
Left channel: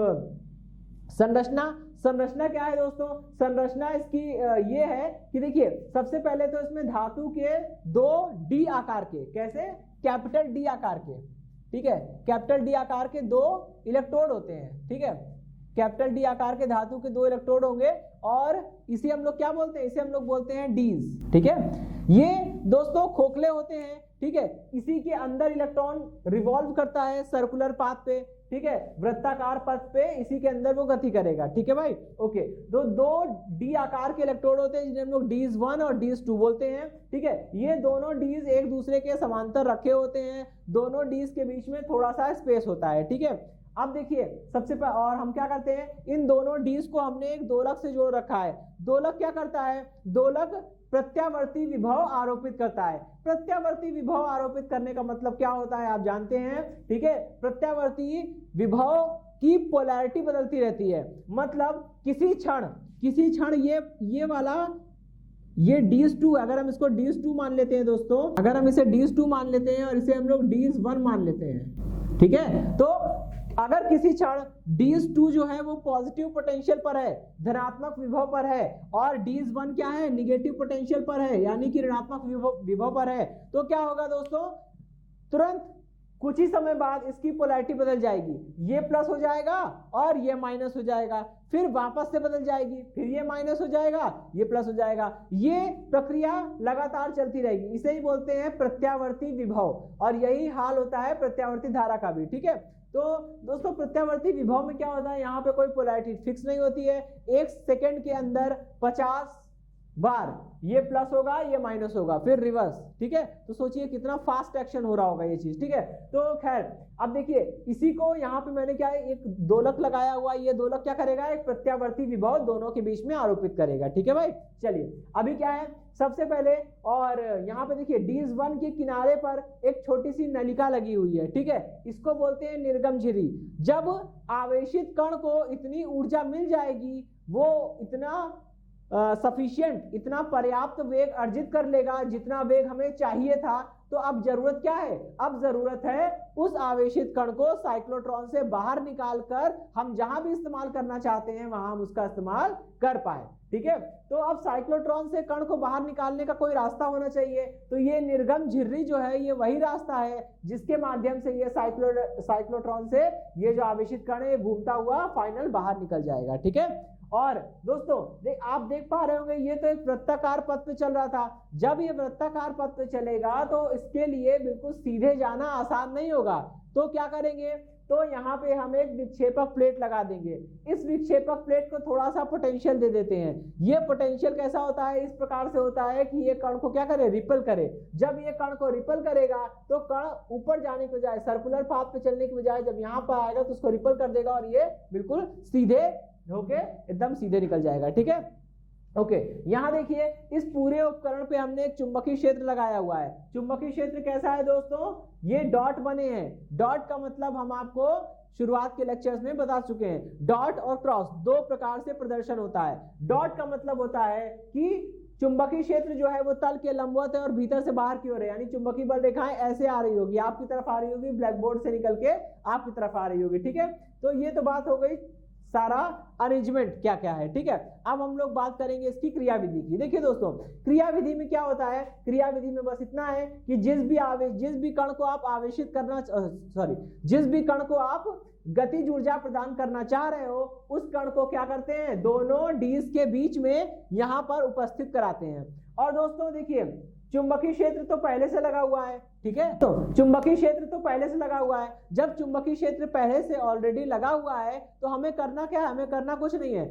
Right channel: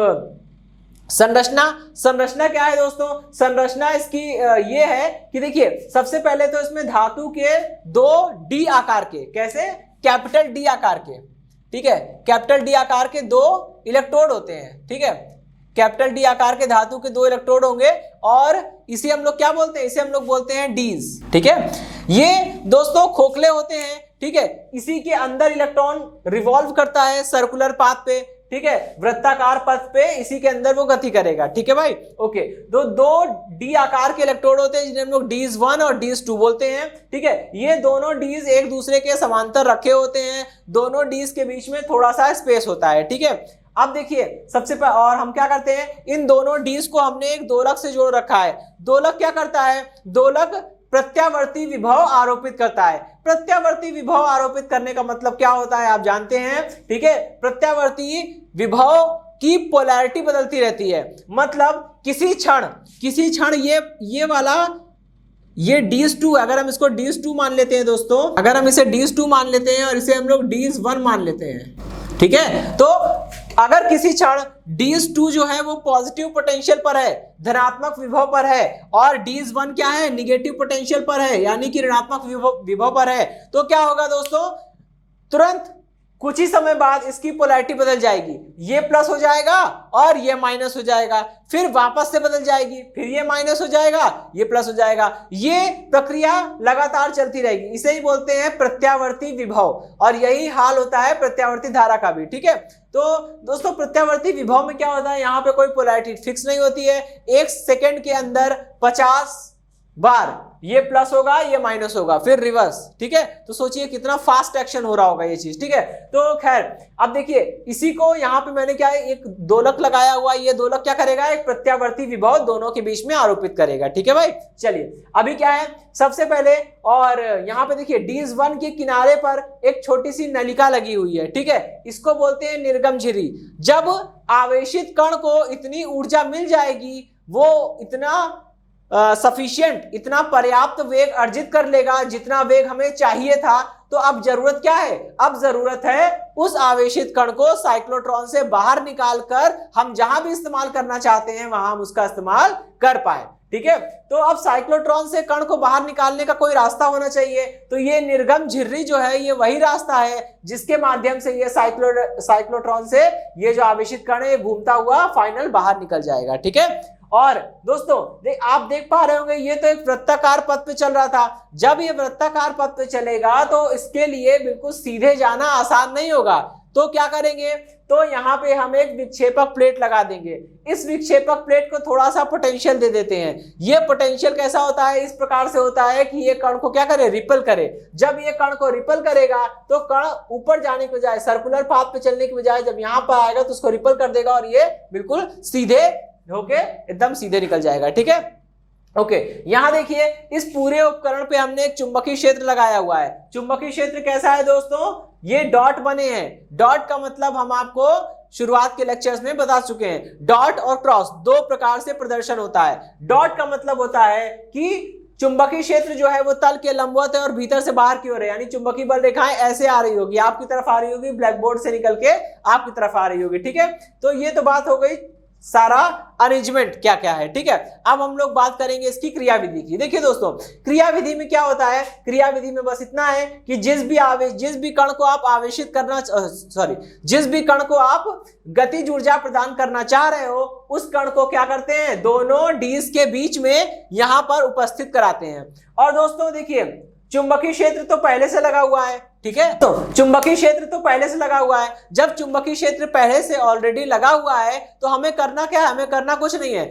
संरचना क्या है दोस्तों? संरचना इसकी ये है कि देखिए सबसे पहले तो इसमें धातु के 2 डी आकार के, कैसे? कैपिटल डी आकार के। ठीक है, कैपिटल डी आकार के 2 इलेक्ट्रोड होते हैं। ठीक है, कैपिटल डी आकार के धातु के 2 इलेक्ट्रोड होंगे और इसे हम लोग क्या बोलते हैं? इसे हम लोग बोलते हैं डीज। ठीक है, ये दोस्तों खोखले होते हैं। ठीक है, इसी के अंदर इलेक्ट्रॉन रिवॉल्व करता है सर्कुलर पाथ पे। ठीक है, वृत्ताकार पथ पे इसी के अंदर वो गति करेगा। ठीक है भाई, ओके। तो 2 डी आकार के इलेक्ट्रोड होते हैं जिन्हें हम लोग डीज 1 और डीज 2 बोलते हैं। ठीक है, ये दोनों डीज एक दूसरे के समांतर रखे होते हैं, दोनों डीज के बीच में थोड़ा सा स्पेस होता है। ठीक है, अब देखिए सबसे पहले और हम क्या करते हैं, इन दोनों डीज को हमने एक दोलक से जोड़ रखा है। दोलक क्या करता है? दोलक प्रत्यावर्ती विभव आरोपित करता है। प्रत्यावर्ती विभव आरोपित करने का मतलब क्या होता है आप जानते हैं। ठीक है, प्रत्यावर्ती विभव की पोलैरिटी बदलती रहती है। मतलब किसी क्षण ये वाला ये डीज 2, अगर हम इसको डीज 2 मान लेते हैं दोस्तों, अगर हम इसे डीज 2 मान लेते हैं और इसे हम लोग डीज 1 मान लेते हैं। ठीक है, तो अगर किसी क्षण डीज 2 जो है वो पॉजिटिव पोटेंशियल पर है, धनात्मक विभव पर है, और डीज 1 क्या है? निगेटिव पोटेंशियल पर है, यानी कि ऋणात्मक विभव पर है, तो क्या होगा दोस्तों? तुरंत कुछ ही समय बाद इसकी पोलैरिटी बदल जाएगी। ये प्लस हो जाएगा और ये माइनस हो जाएगा, फिर वापस से बदल जाएगी, फिर ये माइनस हो जाएगा, ये प्लस हो जाएगा। ये प्रक्रिया लगातार चलती रहेगी। इसे ही बोलते हैं प्रत्यावर्ती विभव, और यही हाल होता है प्रत्यावर्ती धारा का भी। ठीक है, तो दोस्तों प्रत्यावर्ती विभव में क्या होता है, यहाँ पे कोई पोलैरिटी फिक्स नहीं होती है। 1 सेकेंड के अंदर 50 बार ये प्लस होगा, ये माइनस होगा, फिर रिवर्स। ठीक है, तो सोचिए कितना फास्ट एक्शन हो रहा होगा ये चीज। ठीक है, तो खैर अब देखिए इसी को यहाँ पे मैंने क्या है, एक दोलक लगाया हुआ। ये दोलक क्या करेगा? एक प्रत्यावर्ती विभव दोनों के बीच में आरोपित करेगा। ठीक है भाई, चलिए अभी क्या है सबसे पहले, और यहाँ पे देखिए डीज 1 के किनारे पर एक छोटी सी नलिका लगी हुई है। ठीक है, इसको बोलते हैं निर्गम झिर्री। जब आवेशित कण को इतनी ऊर्जा मिल जाएगी, वो इतना सफिशिएंट, इतना पर्याप्त वेग अर्जित कर लेगा जितना वेग हमें चाहिए था, तो अब जरूरत क्या है? अब जरूरत है उस आवेशित कण को साइक्लोट्रॉन से बाहर निकालकर हम जहां भी इस्तेमाल करना चाहते हैं वहां हम उसका इस्तेमाल कर पाए। ठीक है, तो अब साइक्लोट्रॉन से कण को बाहर निकालने का कोई रास्ता होना चाहिए। तो ये निर्गम झिर्री जो है ये वही रास्ता है जिसके माध्यम से ये साइक्लोट्रॉन से ये जो आवेशित कण है घूमता हुआ फाइनल बाहर निकल जाएगा। ठीक है, और दोस्तों आप देख पा रहे होंगे ये तो एक वृत्ताकार पथ पे चल रहा था। जब ये वृत्ताकार पथ पे चलेगा तो इसके लिए बिल्कुल सीधे जाना आसान नहीं होगा। तो क्या करेंगे, तो यहाँ पे हम एक विक्षेपक प्लेट लगा देंगे। इस विक्षेपक प्लेट को थोड़ा सा पोटेंशियल दे देते हैं। ये पोटेंशियल कैसा होता है, इस प्रकार से होता है कि ये कण को क्या करे, रिपल करे। जब ये कण को रिपल करेगा तो कण ऊपर जाने के बजाय, सर्कुलर पाथ पे चलने के बजाय जब यहाँ पर आएगा तो उसको रिपल कर देगा और ये बिल्कुल सीधे होके एकदम सीधे निकल जाएगा। ठीक है, ओके। यहां देखिए इस पूरे उपकरण पे हमने एक चुंबकीय क्षेत्र लगाया हुआ है। चुंबकीय क्षेत्र कैसा है दोस्तों, ये डॉट बने हैं। डॉट का मतलब हम आपको शुरुआत के लेक्चर्स में बता चुके हैं। डॉट और क्रॉस दो प्रकार से प्रदर्शन होता है। डॉट का मतलब होता है कि चुंबकीय क्षेत्र जो है वो तल के लंबवत है और भीतर से बाहर की ओर है, यानी चुंबकीय बल रेखाएं ऐसे आ रही होगी, आपकी तरफ आ रही होगी, ब्लैक बोर्ड से निकल के आपकी तरफ आ रही होगी। ठीक है, तो ये तो बात हो गई सारा अरेंजमेंट क्या क्या है। ठीक है, अब हम लोग बात करेंगे इसकी क्रियाविधि की। देखिए दोस्तों, क्रियाविधि में क्या होता है, क्रियाविधि में बस इतना है कि जिस भी कण को आप आवेशित करना, जिस भी कण को आप गतिज ऊर्जा प्रदान करना चाह रहे हो, उस कण को क्या करते हैं, दोनों डीज के बीच में यहां पर उपस्थित कराते हैं। और दोस्तों देखिए, चुंबकीय क्षेत्र तो पहले से लगा हुआ है। ठीक है, तो चुंबकीय क्षेत्र तो पहले से लगा हुआ है। जब चुंबकीय क्षेत्र पहले से ऑलरेडी लगा हुआ है तो हमें करना क्या है, हमें करना कुछ नहीं है।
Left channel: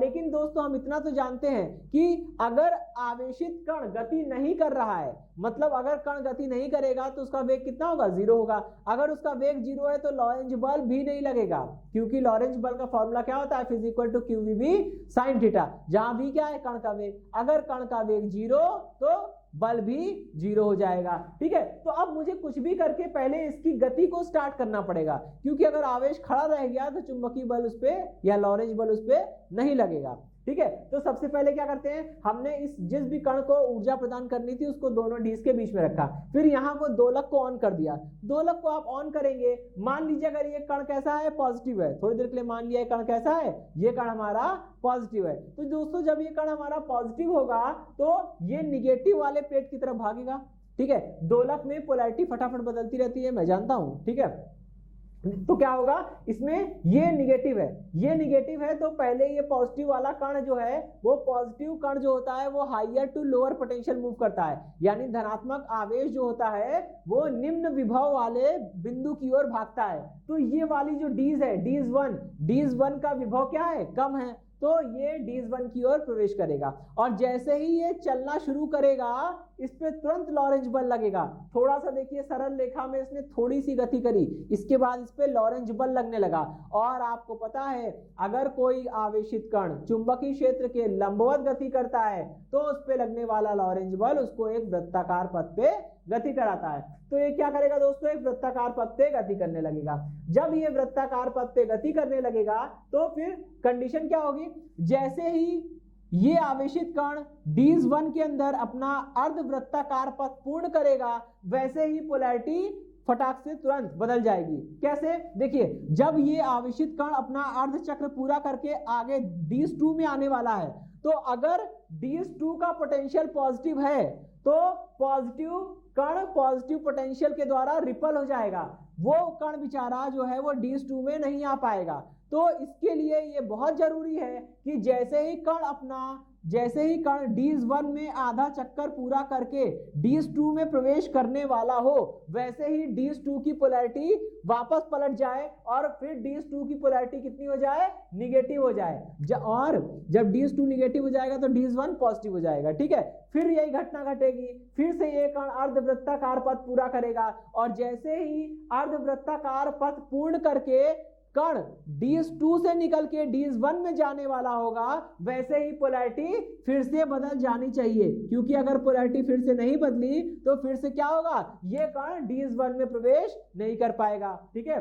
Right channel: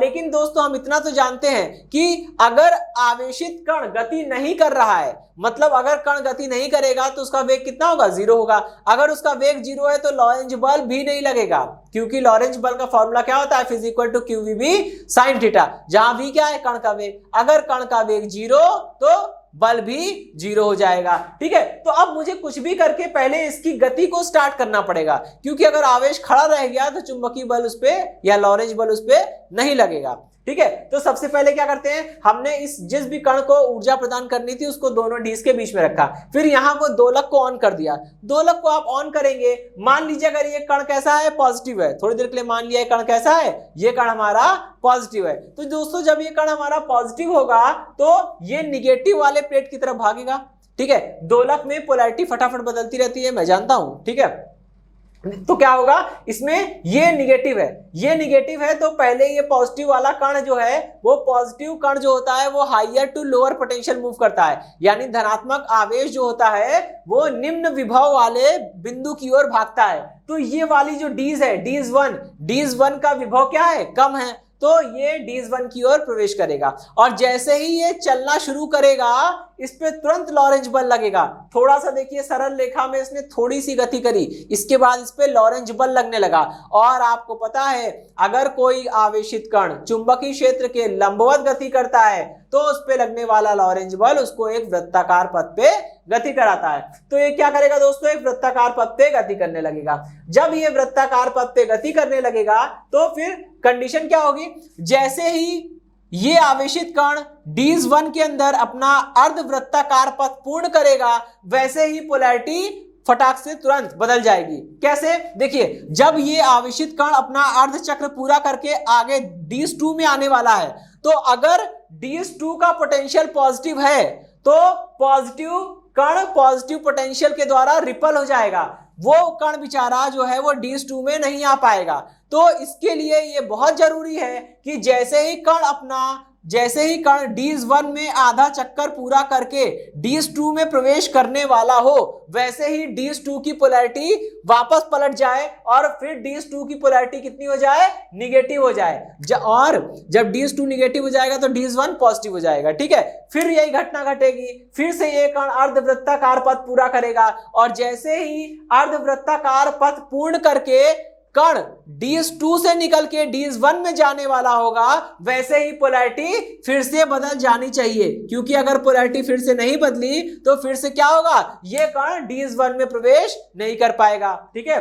लेकिन दोस्तों हम इतना तो जानते हैं कि अगर आवेशित कण गति नहीं कर रहा है, मतलब अगर कण गति नहीं करेगा तो उसका वेग कितना होगा, 0 होगा। अगर उसका वेग 0 है तो लॉरेंज बल भी नहीं लगेगा, क्योंकि लॉरेंज बल का फॉर्मूला क्या होता है, F = QVB sin थीटा, जहां V क्या है, कण का वेग। अगर कण का वेग 0 तो बल भी 0 हो जाएगा। ठीक है, तो अब मुझे कुछ भी करके पहले इसकी गति को स्टार्ट करना पड़ेगा, क्योंकि अगर आवेश खड़ा रह गया तो चुंबकीय बल उस पे या लॉरेंज बल उस पे नहीं लगेगा। ठीक है, तो सबसे पहले क्या करते हैं, हमने जिस भी कण को ऊर्जा प्रदान करनी थी उसको दोनों डीज के बीच में रखा। फिर यहाँ को दोलक को ऑन कर दिया। दोलक को आप ऑन करेंगे, मान लीजिए अगर ये कण कैसा है, पॉजिटिव है, थोड़ी देर के लिए मान लिया कण कैसा है, ये कण हमारा पॉजिटिव है। तो दोस्तों जब ये कण हमारा पॉजिटिव होगा तो ये निगेटिव वाले प्लेट की तरफ भागेगा। ठीक है, दोलक में पोलैरिटी फटाफट बदलती रहती है, मैं जानता हूं। ठीक है, तो क्या होगा, इसमें ये निगेटिव है, ये निगेटिव है, तो पहले ये पॉजिटिव वाला कण जो है, वो पॉजिटिव कण जो होता है वो higher to lower potential move करता है, यानी धनात्मक आवेश जो होता है वो निम्न विभव वाले बिंदु की ओर भागता है। तो ये वाली जो डीज है, डीज वन का विभव क्या है, कम है, तो ये डीज 1 की ओर प्रवेश करेगा। और जैसे ही ये चलना शुरू करेगा इस पे तुरंत लॉरेंज बल लगेगा। थोड़ा सा देखिए, सरल रेखा में इसने थोड़ी सी गति करी, इसके बाद इस पे लॉरेंज बल लगने लगा। और आपको पता है अगर कोई आवेशित कण चुंबकीय क्षेत्र के लंबवत गति करता है तो उस पे लगने वाला लॉरेंज बल उसको एक वृत्ताकार पथ पे गति कराता है। तो ये क्या करेगा दोस्तों, एक वृत्ताकार पथ पे गति करने लगेगा। जब ये वृत्ताकार पथ पे गति करने लगेगा तो फिर कंडीशन क्या होगी, जैसे ही ये आवेशित कण डीज 1 के अंदर अपना अर्धवृत्ताकार पथ पूर्ण करेगा, वैसे ही पोलैरिटी फटाक से तुरंत बदल जाएगी। कैसे, देखिए, जब ये आवेशित कण अपना अर्ध चक्र पूरा करके आगे डीज 2 में आने वाला है, तो अगर डीज 2 का पोटेंशियल पॉजिटिव है तो पॉजिटिव कण पॉजिटिव पोटेंशियल के द्वारा रिपल हो जाएगा, वो कण बेचारा जो है वो डीज 2 में नहीं आ पाएगा। तो इसके लिए ये बहुत जरूरी है कि जैसे ही कण डीज 1 में आधा चक्कर पूरा करके डीज 2 में प्रवेश करने वाला हो, वैसे ही डीज 2 की पोलैरिटी वापस पलट जाए और फिर डीज 2 की पोलैरिटी कितनी हो जाए, निगेटिव हो जाए। और जब डीज 2 निगेटिव हो जाएगा तो डीज 1 पॉजिटिव हो जाएगा। ठीक है, फिर यही घटना घटेगी, फिर से ये कण अर्धवृत्ताकार पथ पूरा करेगा और जैसे ही अर्धवृत्ताकार पथ पूर्ण करके कण डीज 2 से निकल के डीज 1 में जाने वाला होगा, वैसे ही पोलैरिटी फिर से बदल जानी चाहिए, क्योंकि अगर पोलैरिटी फिर से नहीं बदली तो फिर से क्या होगा, ये कण डीज 1 में प्रवेश नहीं कर पाएगा। ठीक है,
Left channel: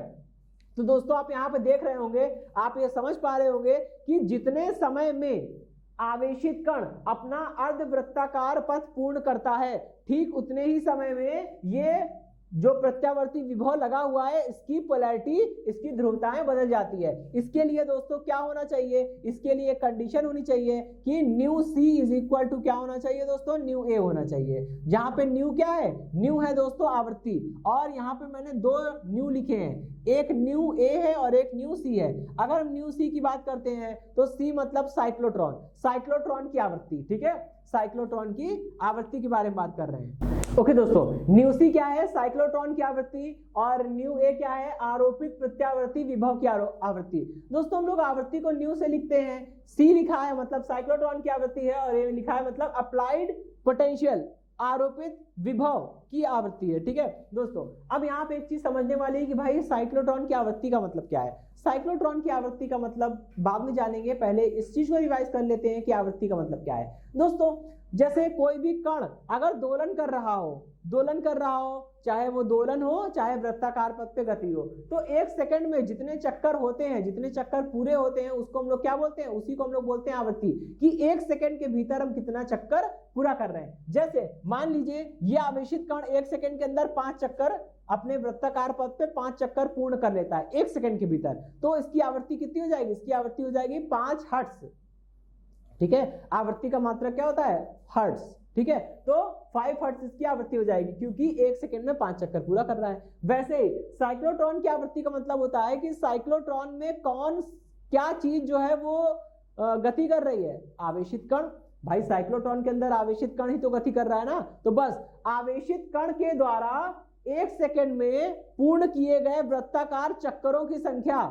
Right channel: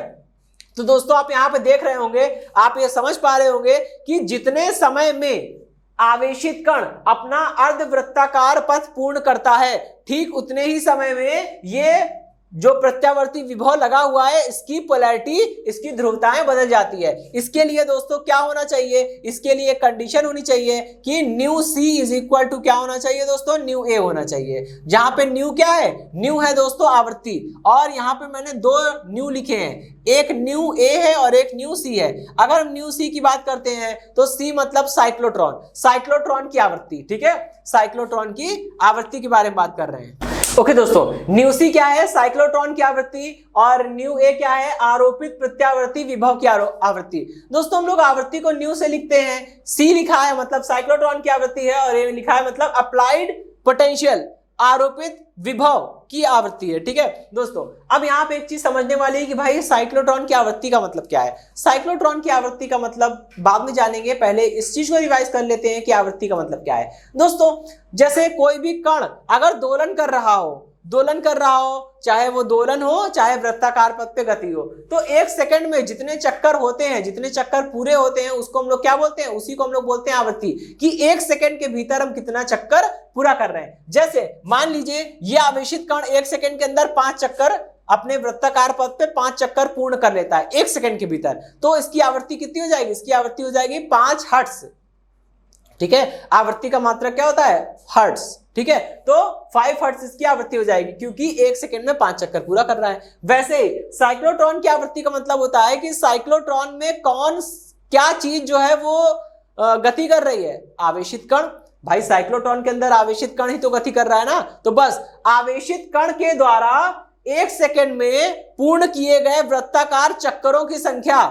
तो दोस्तों आप यहां पे देख रहे होंगे, आप ये समझ पा रहे होंगे कि जितने समय में आवेशित कण अपना अर्धवृत्ताकार पथ पूर्ण करता है, ठीक उतने ही समय में ये जो प्रत्यावर्ती विभव लगा हुआ है इसकी पोलैरिटी, इसकी ध्रुवताएं बदल जाती है। इसके लिए दोस्तों क्या होना चाहिए, इसके लिए कंडीशन होनी चाहिए कि new C is equal to क्या होना चाहिए दोस्तों, न्यू ए होना चाहिए। जहां पे न्यू क्या है, न्यू है दोस्तों आवृत्ति, और यहाँ पे मैंने 2 न्यू लिखे हैं, एक न्यू ए है और एक न्यू सी है। अगर हम न्यू सी की बात करते हैं तो सी मतलब साइक्लोट्रॉन की आवृत्ति। ठीक है, साइक्लोट्रॉन की आवृत्ति के बारे में बात कर रहे हैं। ओके दोस्तों, न्यू सी क्या है? साइक्लोट्रॉन की आवृत्ति, और न्यू ए क्या है? आरोपित प्रत्यावर्ती विभव की आवृत्ति। दोस्तों हम लोग आवृत्ति को न्यू से लिखते हैं, सी लिखा है मतलब साइक्लोट्रॉन की आवृत्ति है, और ए लिखा है मतलब अप्लाइड पोटेंशियल, आरोपित विभव की आवृत्ति है। ठीक है दोस्तों, अब यहाँ पे एक चीज समझने वाली है कि भाई साइक्लोट्रॉन की आवृत्ति का मतलब क्या है। साइक्लोट्रॉन की आवृत्ति का मतलब बाद में जानेंगे, पहले इस चीज को रिवाइज कर लेते हैं कि आवृत्ति का मतलब क्या है। दोस्तों जैसे कोई भी कण अगर दोलन कर रहा हो, चाहे वो दोलन हो चाहे वृत्ताकार पथ पे गति हो, तो एक सेकंड में जितने चक्कर होते हैं, जितने चक्कर पूरे होते हैं, उसको हम लोग क्या बोलते हैं? उसी को हम लोग बोलते हैं आवृत्ति, कि एक सेकंड के भीतर हम कितना चक्कर पूरा कर रहे हैं। जैसे मान लीजिए ये आवेशित कण एक सेकंड के अंदर 5 चक्कर अपने वृत्ताकार पथ पे 5 चक्कर पूर्ण कर लेता है एक सेकंड के भीतर, तो इसकी आवृत्ति कितनी हो जाएगी? इसकी आवृत्ति हो जाएगी 5 हर्ट्ज। ठीक है, आवृत्ति का मात्रक क्या होता है? हर्ट्ज। ठीक है, तो 5 हर्ट्ज इसकी आवृत्ति हो जाएगी, क्योंकि एक सेकंड में 5 चक्कर पूरा कर रहा है। वैसे ही साइक्लोट्रॉन की आवृत्ति का मतलब होता है कि साइक्लोट्रॉन में क्या चीज जो है वो गति कर रही है? आवेशित कण। भाई साइक्लोट्रॉन के अंदर आवेशित कण ही तो गति कर रहा है ना, तो बस आवेशित कण के द्वारा एक सेकंड में पूर्ण किए गए वृत्ताकार चक्करों की संख्या,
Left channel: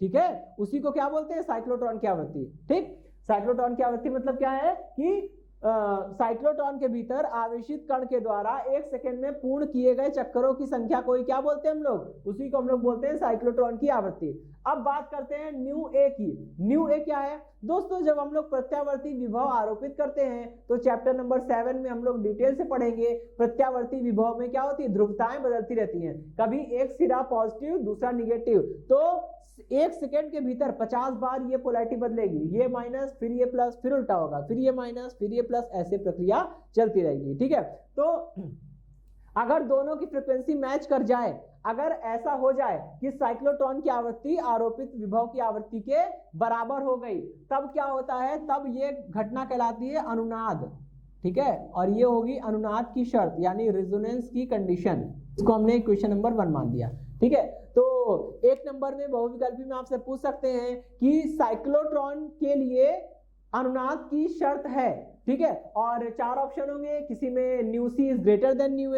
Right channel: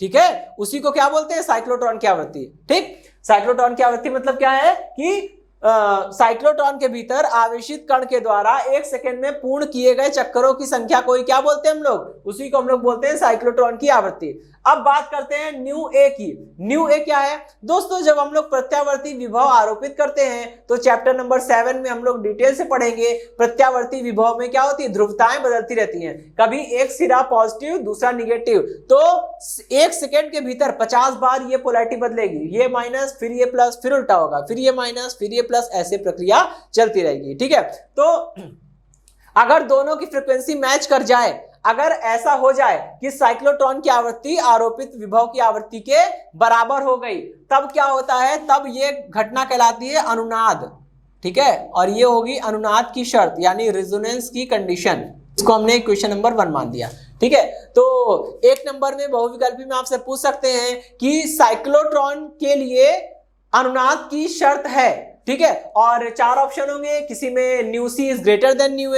ठीक है, उसी को क्या बोलते हैं? साइक्लोट्रॉन की आवृत्ति। ठीक, साइक्लोट्रॉन की आवृत्ति मतलब क्या है कि साइक्लोट्रॉन के भीतर आवेशित कण के द्वारा एक सेकंड में पूर्ण किए गए चक्करों की संख्या को क्या बोलते हैं हम लोग? उसी को हम लोग बोलते हैं साइक्लोट्रॉन की आवृत्ति। अब बात करते हैं न्यू ए की। न्यू ए क्या है दोस्तों? जब हम लोग प्रत्यावर्ती विभव आरोपित करते हैं तो चैप्टर नंबर 7 में हम लोग डिटेल से पढ़ेंगे। प्रत्यावर्ती विभव में क्या होती है? ध्रुवताएं बदलती रहती हैं, कभी एक सिरा पॉजिटिव दूसरा निगेटिव, तो एक सेकेंड के भीतर 50 बार ये पोलैरिटी बदलेगी, ये माइनस फिर ये प्लस फिर उल्टा होगा, फिर ये माइनस फिर ये प्लस, ऐसे प्रक्रिया चलती रहेगी। ठीक है, तो अगर दोनों की फ्रीक्वेंसी मैच कर जाए, अगर ऐसा हो जाए कि साइक्लोट्रॉन की आवृत्ति आरोपित विभव की आवृत्ति के बराबर हो गई, तब क्या होता है? तब ये घटना कहलाती है अनुनाद। ठीक है, और ये होगी अनुनाद की शर्त, यानी रेजोनेंस की कंडीशन। इसको हमने क्वेश्चन नंबर 1 मान दिया। ठीक है, तो 1 नंबर में बहुविकल्पी में आपसे पूछ सकते हैं कि साइक्लोट्रॉन के लिए अनुनाद की शर्त है। ठीक है, और 4 ऑप्शन होंगे, किसी में nu C is greater than nu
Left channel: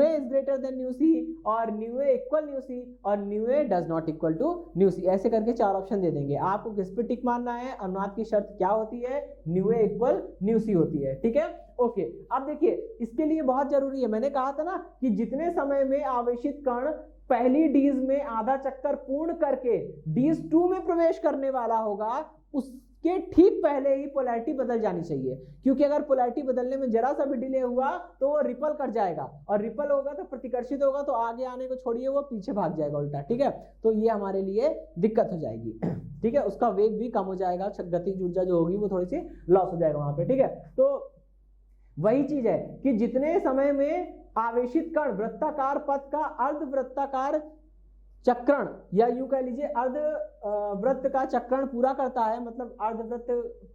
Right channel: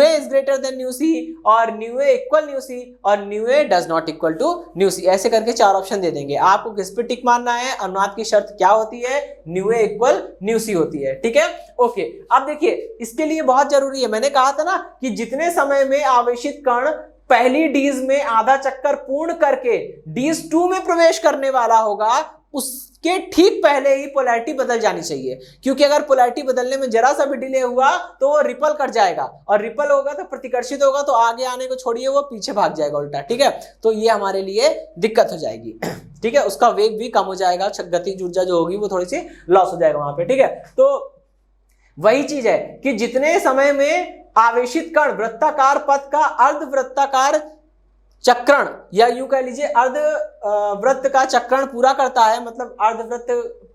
A is greater than nu C, और nu A equal nu C, और nu A does not equal to nu C. ऐसे करके 4 ऑप्शन दे देंगे, आपको किस पे टिक मारना है? अनुनाद की शर्त क्या होती है? न्यू ए इक्वल न्यू सी होती है। ठीक है, ओके। अब देखिए इसके लिए बहुत जरूरी है, मैंने कहा था ना कि जितने समय में आवेशित कण पहली डीज में आधा चक्कर पूर्ण करके डीज 2 में प्रवेश करने वाला होगा, उसके ठीक पहले ही पोलैरिटी बदल जानी चाहिए, क्योंकि अगर पोलैरिटी बदलने में जरा सा भी डिले हुआ तो वो रिपल कर जाएगा, और रिपल होगा तो प्रतिकर्षित होगा, तो आगे आने को छोड़िए वो पीछे भाग जाएगा उल्टा। ठीक है, तो ये हमारे लिए दिक्कत हो जाएगी। ठीक है, उसका वेग भी कम हो जाएगा, गतिज ऊर्जा जो होगी वो थोड़ी सी लॉस हो जाएगा वहां पे। ठीक है, तो वही चीज है कि जितने समय में आवेशित कण वृत्ताकार पथ का अर्धवृत्ताकार चक्रण, या यूं कह लीजिए अर्ध वृत्त का चक्रण पूरा करता है, मतलब अर्धवृत्त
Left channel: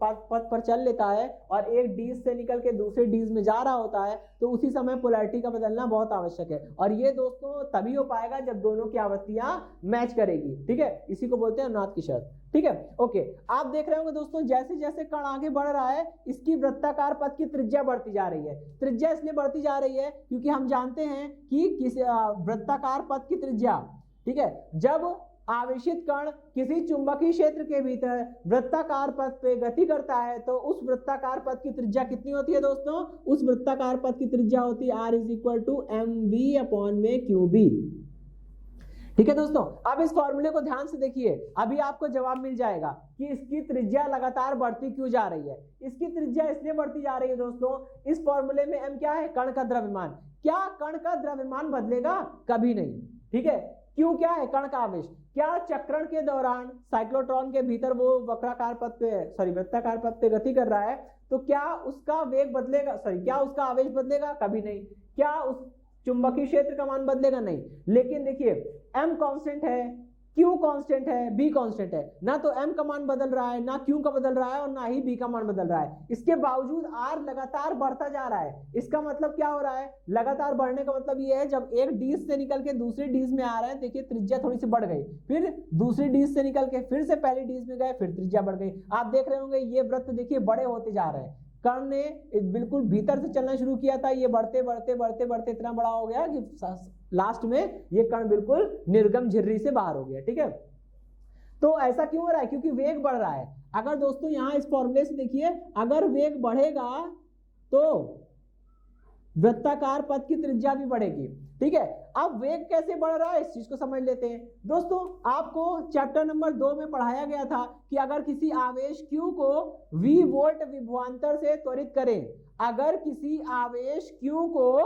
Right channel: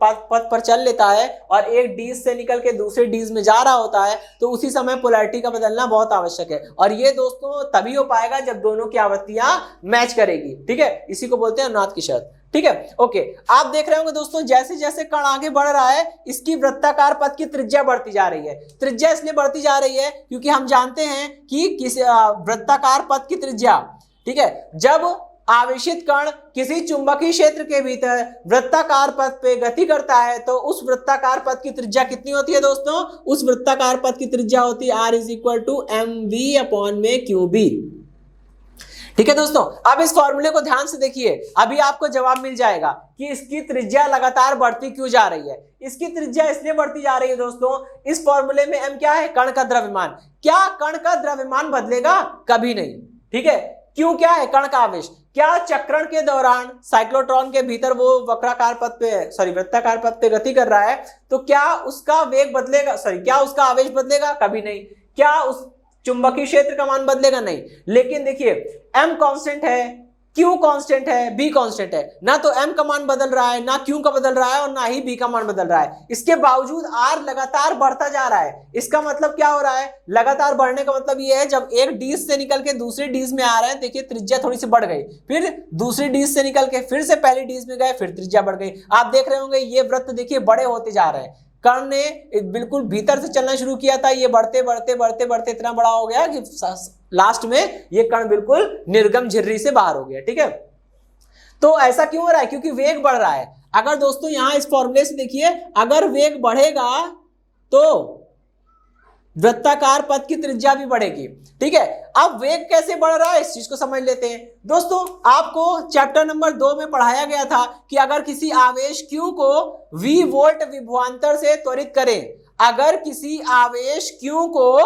पथ पर चल लेता है और एक डीज से निकल के दूसरे डीज में जा रहा होता है, तो उसी समय पोलैरिटी का बदलना बहुत आवश्यक है। और ये दोस्तों तभी हो पाएगा जब दोनों की आवृत्तियां मैच करेगी। ठीक है, इसी को बोलते हैं अनुनाद की शर्त। ठीक है, ओके। आप देख रहे होंगे दोस्तों, जैसे जैसे कण आगे बढ़ रहा है इसकी वृत्ताकार पथ की त्रिज्या बढ़ती जा रही है। त्रिज्या इसलिए बढ़ती जा रही है क्योंकि हम जानते हैं कि किस वृत्ताकार पथ की त्रिज्या, ठीक है, जब आवेशित कण किसी चुंबकीय क्षेत्र के भीतर वृत्ताकार पथ पे गति करता है तो उस वृत्ताकार पथ की त्रिज्या कितनी होती है दोस्तों? उस वृत्ताकार पथ की त्रिज्या होती है R = mv/qb। ठीक है दोस्तों, अब इस फॉर्मूले को ध्यान से देखिए, अभी आपको जवाब मिल जाएगा कि इसकी त्रिज्या लगातार बढ़ती क्यों जा रही है। इसकी त्रिज्या इसलिए बढ़ती जा रही है दोस्तों, इस फॉर्मूले में m क्या है? कण का द्रव्यमान। क्या कण का द्रव्यमान बदलेगा? कभी नहीं। ठीक है, क्यों? क्या है? कण का आवेश। क्या चक्रण के दौरान साइक्लोट्रॉन के भीतर वो वक्राकार पथ पे वृत्ताकार पथ पे गति कर रहा है, तो क्या उसका वेग बदलेगा? क्या उसका आवेश बदलेगा? कभी नहीं। क्या उस चुंबकीय क्षेत्र का मान बदलेगा? नहीं। लेकिन देखिए m कांस्टेंट है, q कांस्टेंट है, b कांस्टेंट है, ना तो m का मान बदल रहा है, ना q का बदल रहा है, और ना ही b का मान बदल रहा है। इसके बावजूद r लगातार बढ़ता जा रहा है। इसका मतलब क्या हो रहा है? लगातार बढ़ने का मतलब ये है, जब एक डीज से निकल के दूसरे डीज में आ रहे हैं, देखिए त्रिज्या थोड़ी सी बढ़ गई, फिर दूसरी डीज से निकल के फिर से पहली डीज में गए, फिर त्रिज्या बढ़ गई। आप देख रहे होंगे ये वृत्त देखिए बड़े होते जा रहे हैं, कण ने बिल्कुल भीतर से चलना शुरू किया था, ये बढ़ते बढ़ते बढ़ते बढ़ते इतना बड़ा हो गया कि लास्ट में ये कण बिल्कुल निर्गम झिर्री से बाहर हो गया। ठीक है, तो ऐसा क्यों हो रहा है? क्योंकि वेग बढ़ रहा है। अगर दोस्तों यहां इस फॉर्मूले से देखिए, अगर वेग बढ़ेगा तो वृत्ताकार पथ की त्रिज्या भी बढ़ेगी। ठीक है, अब वेग कैसे बढ़ रहा है इस चीज को समझ लेते हैं। दोस्तों आपको चैप्टर नंबर 2 में पढ़ाया गया था कि अगर किसी आवेश Q को V वोल्ट विभवांतर से त्वरित करें, अगर किसी आवेश Q को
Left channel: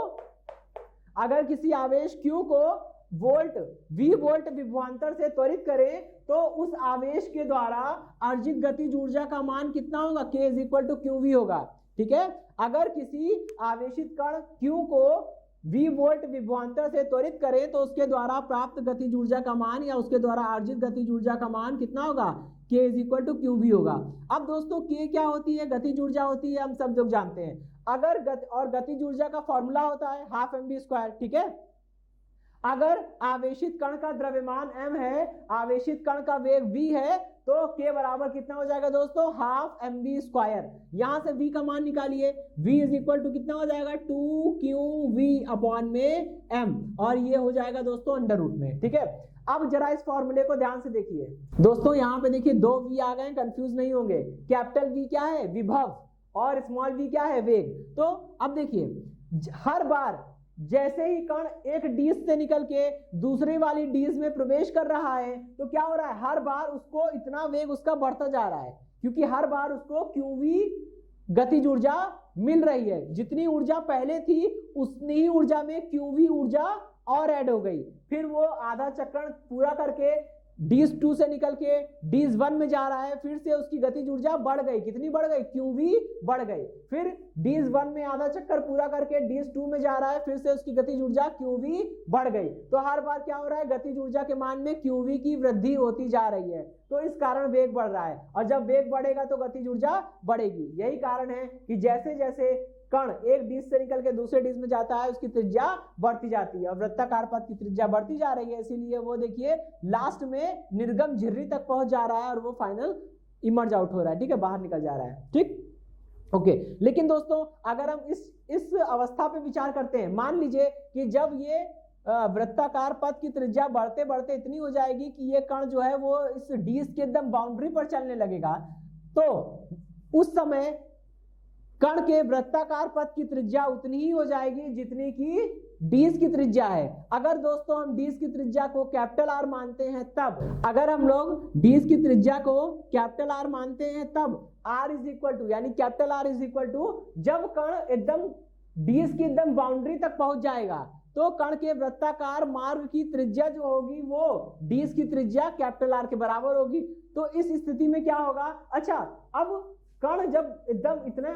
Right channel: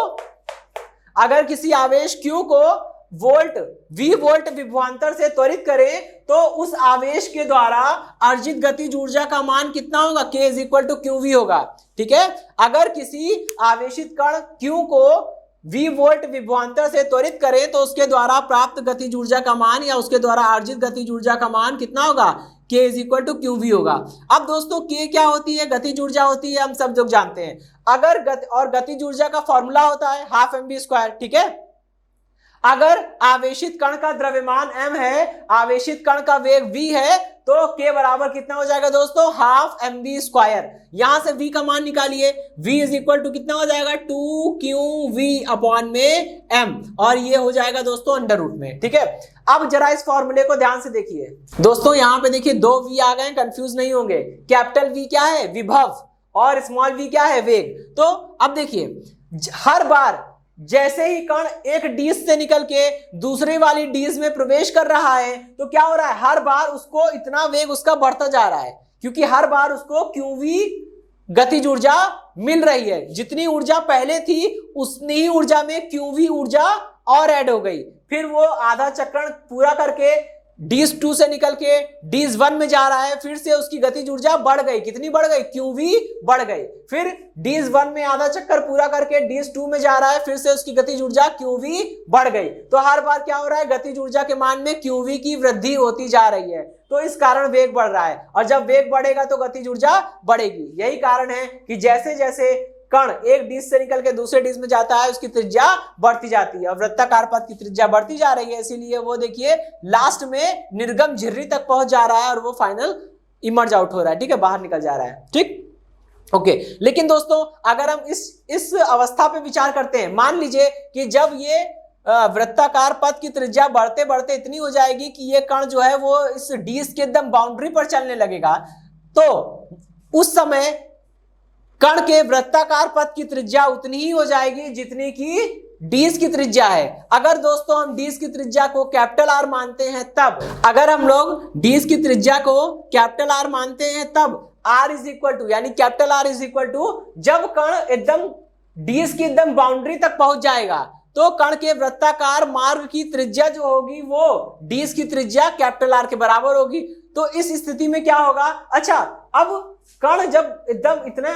V वोल्ट विभवांतर से त्वरित करें तो उस आवेश के द्वारा अर्जित गतिज ऊर्जा का मान कितना होगा? K = QV होगा। ठीक है, अगर किसी आवेशित कण Q को V वोल्ट विभवांतर से त्वरित करें तो उसके द्वारा प्राप्त गतिज ऊर्जा का मान या उसके द्वारा अर्जित गतिज ऊर्जा का मान कितना होगा? K = QV होगा। अब दोस्तों K क्या होती है? गतिज ऊर्जा होती है, हम सब लोग जानते हैं। अगर गतिज ऊर्जा का फॉर्मूला होता है 12mv²। ठीक है, अगर आवेशित कण का द्रव्यमान m है, आवेशित कण का वेग v है, तो k बराबर कितना हो जाएगा दोस्तों? 12mv²। यहां से v का मान निकालिए, v = कितना हो जाएगा? 2qv/m, और ये हो जाएगा दोस्तों √ में। ठीक है, अब जरा इस फॉर्मूले को ध्यान से देखिए दोस्तों। यहां पे देखिए 2 v आ गए, कंफ्यूज नहीं होंगे। कैपिटल V क्या है? विभव, और स्मॉल v क्या है? वेग। तो अब देखिए, हर बार जैसे ही कण एक डिश से निकल के दूसरी वाली डिश में प्रवेश कर रहा है तो क्या हो रहा है? हर बार उसको इतना वेग उसका बढ़ता जा रहा है, क्योंकि हर बार उसको QV गतिज ऊर्जा मिल रही है। जितनी ऊर्जा पहले थी उतनी ही ऊर्जा में QV ऊर्जा और ऐड हो गई। फिर वो आधा चक्रण पूरा करके डिश 2 से निकल के डिश 1 में जा रहा है, फिर से उसकी गतिज ऊर्जा बढ़ गई। कितनी बढ़ गई? QV बढ़ गई। फिर डिश 1 में आधा चक्कर पूरा करके डिश 2 में जा रहा है, फिर से उसकी गतिज ऊर्जा QV बढ़ गई। तो हर बार क्या हो रहा है? गतिज ऊर्जा के मान में QV की वृद्धि होती जा रही है, तो इस कारण वेग बढ़ रहा है। और जब वेग बढ़ेगा तो गतिज ऊर्जा बढ़ेगी। यही कारण है कि जैसे जैसे कण एक डिश से निकल के दूसरे डिश में जाता है उसकी त्रिज्या बढ़ती जाती है, और वृत्ताकार पथ की त्रिज्या बढ़ती जा रही है। इसीलिए वो देखिए लास्ट में निर्गम झिर्री तक पहुंच जा रहा है और वो फाइनल इमर्ज आउट हो रहा है। ठीक है, बाहर निकल जा रहा है। ठीक, ओके। लेकिन दोस्तों अगर हम इस अवस्था पे विचार करते हैं, मान लीजिए कि जब ये वृत्ताकार पथ की त्रिज्या बढ़ते बढ़ते इतनी हो जाएगी कि ये कण जो है वो इस डिश के एकदम बाउंड्री पर चलने लगेगा, तो उस समय कण के वृत्ताकार पथ की त्रिज्या उतनी ही हो जाएगी जितनी की डिश की त्रिज्या है। अगर दोस्तों हम डिश की त्रिज्या को R मानते हैं तब, अगर हम लोग डिश की त्रिज्या को R मानते हैं तब R यानी R जब कण एकदम डिश की एकदम बाउंड्री तक पहुंच जाएगा तो कण के वृत्ताकार मार्ग की त्रिज्या जो होगी वो डिश की त्रिज्या R के बराबर होगी। तो इस स्थिति में क्या होगा? अच्छा, अब कण जब एकदम इतना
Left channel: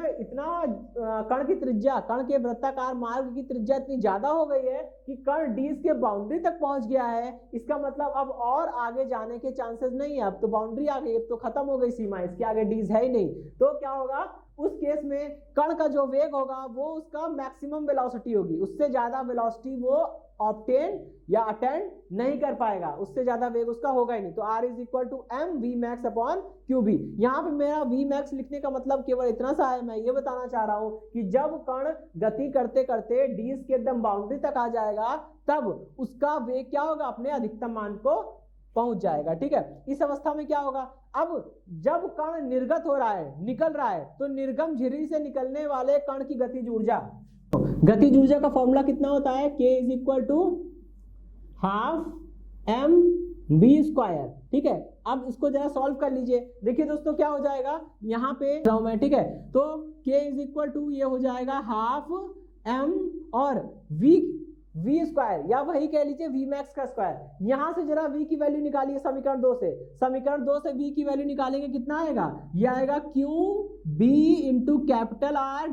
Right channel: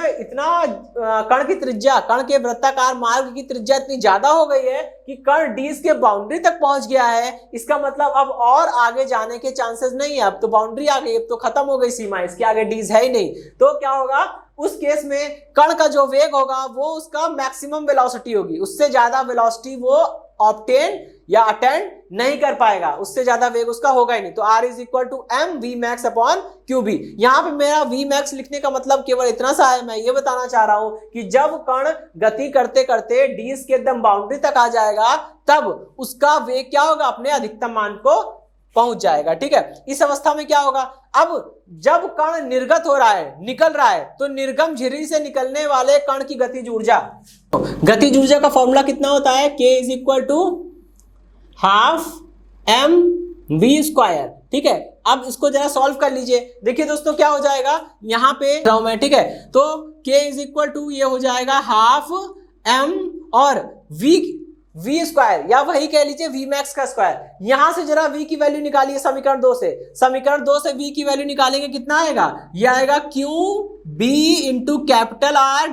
कण की त्रिज्या, कण के वृत्ताकार मार्ग की त्रिज्या इतनी ज्यादा हो गई है कि कण डिश के बाउंड्री तक पहुंच गया है, इसका मतलब अब और आगे जाने के चांसेस नहीं है। अब तो बाउंड्री आ गई, अब तो खत्म हो गई सीमा, इसके आगे डिश है ही नहीं। तो क्या होगा? उस केस में कण का जो वेग होगा वो उसका मैक्सिमम वेलोसिटी होगी, उससे ज्यादा वेलोसिटी वो ऑब्टेन या अटेंड नहीं कर पाएगा, उससे ज्यादा वेग उसका होगा ही नहीं। तो R = mVmax/QB। यहाँ पे मेरा Vmax लिखने का मतलब केवल इतना सा है, मैं ये बताना चाह रहा हूं कि जब कण गति करते करते डिश के एकदम बाउंड्री तक आ जाएगा तब उसका वेग क्या होगा? अपने अधिकतम मान को पहुंच जाएगा। ठीक है, इस अवस्था में क्या होगा? अब जब कण निर्गत हो रहा है, निकल रहा है, तो निर्गम झिर्री से निकलने वाले कण की गतिज ऊर्जा, गतिज ऊर्जा का फॉर्मूला कितना होता है? K = 12mv²। ठीक है, अब इसको जरा सॉल्व कर लीजिए। देखिए दोस्तों क्या हो जाएगा यहाँ पे, ठीक है, तो K = ये हो जाएगा 12m और v² या वही कह लीजिए Vmax का स्क्वायर। यहां से जरा v की वैल्यू निकालिए समीकरण 2 से। समीकरण 2 से v की वैल्यू निकालेंगे, कितना आएगा? ये आएगा QB × R /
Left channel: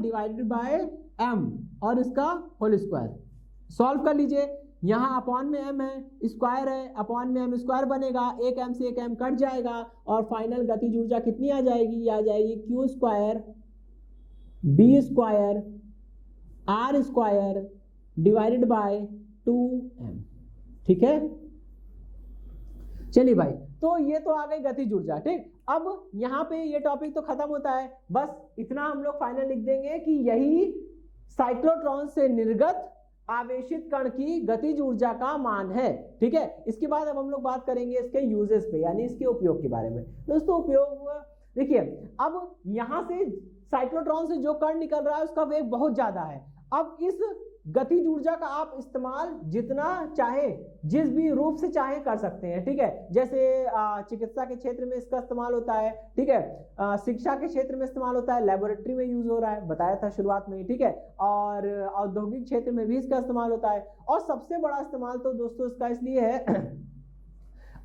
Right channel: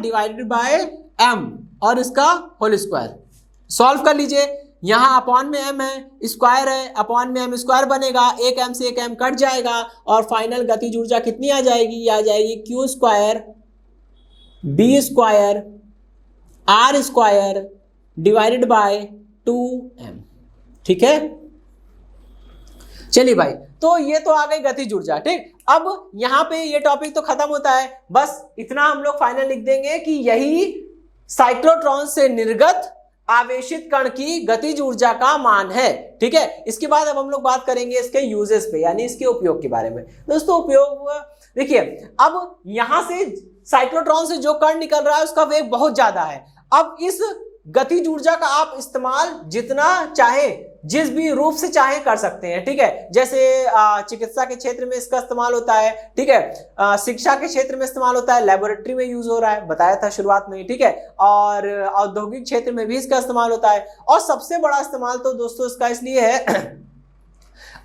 m और इसका होल स्क्वायर। सॉल्व कर लीजिए। यहाँ अपॉन में m है, स्क्वायर है, अपॉन में m² बनेगा, एक m से एक m कट जाएगा और फाइनल गतिज ऊर्जा कितनी आ जाएगी? ये आ जाएगी Q² B² R² / 2m। ठीक है, चलिए भाई, तो ये तो आ गई गतिज ऊर्जा। ठीक, अब यहाँ पे ये टॉपिक तो खत्म होता है, बस इतना हम लोग फाइनल लिख देंगे कि यही साइक्लोट्रॉन से निर्गत आवेशित कण की गतिज ऊर्जा का मान है। ठीक है, इसके बाद अब हम लोग बात करेंगे इसके यूजेस पे, यानी इसके उपयोग के बारे में। दोस्तों उपयोग देखिए, अब यहां से साइक्लोट्रॉन से जो कण निकल रहा है उसका वेग बहुत ज्यादा है। अब इस गतिज ऊर्जा का आप इस्तेमाल जितना चाहे जिस भी रूप से चाहे कर सकते हैं। ठीक है, जैसे चिकित्सा के क्षेत्र में इसका इस्तेमाल होता है। ठीक है, शिक्षा के क्षेत्र में इस्तेमाल होता है, लेबोरेटरी में यूज हो रहा है, बताया था शुरुआत में। ठीक है, और औद्योगिक क्षेत्र में भी इसका इस्तेमाल होता है। और सबसे बड़ा इस्तेमाल तो दोस्तों इसका इसलिए है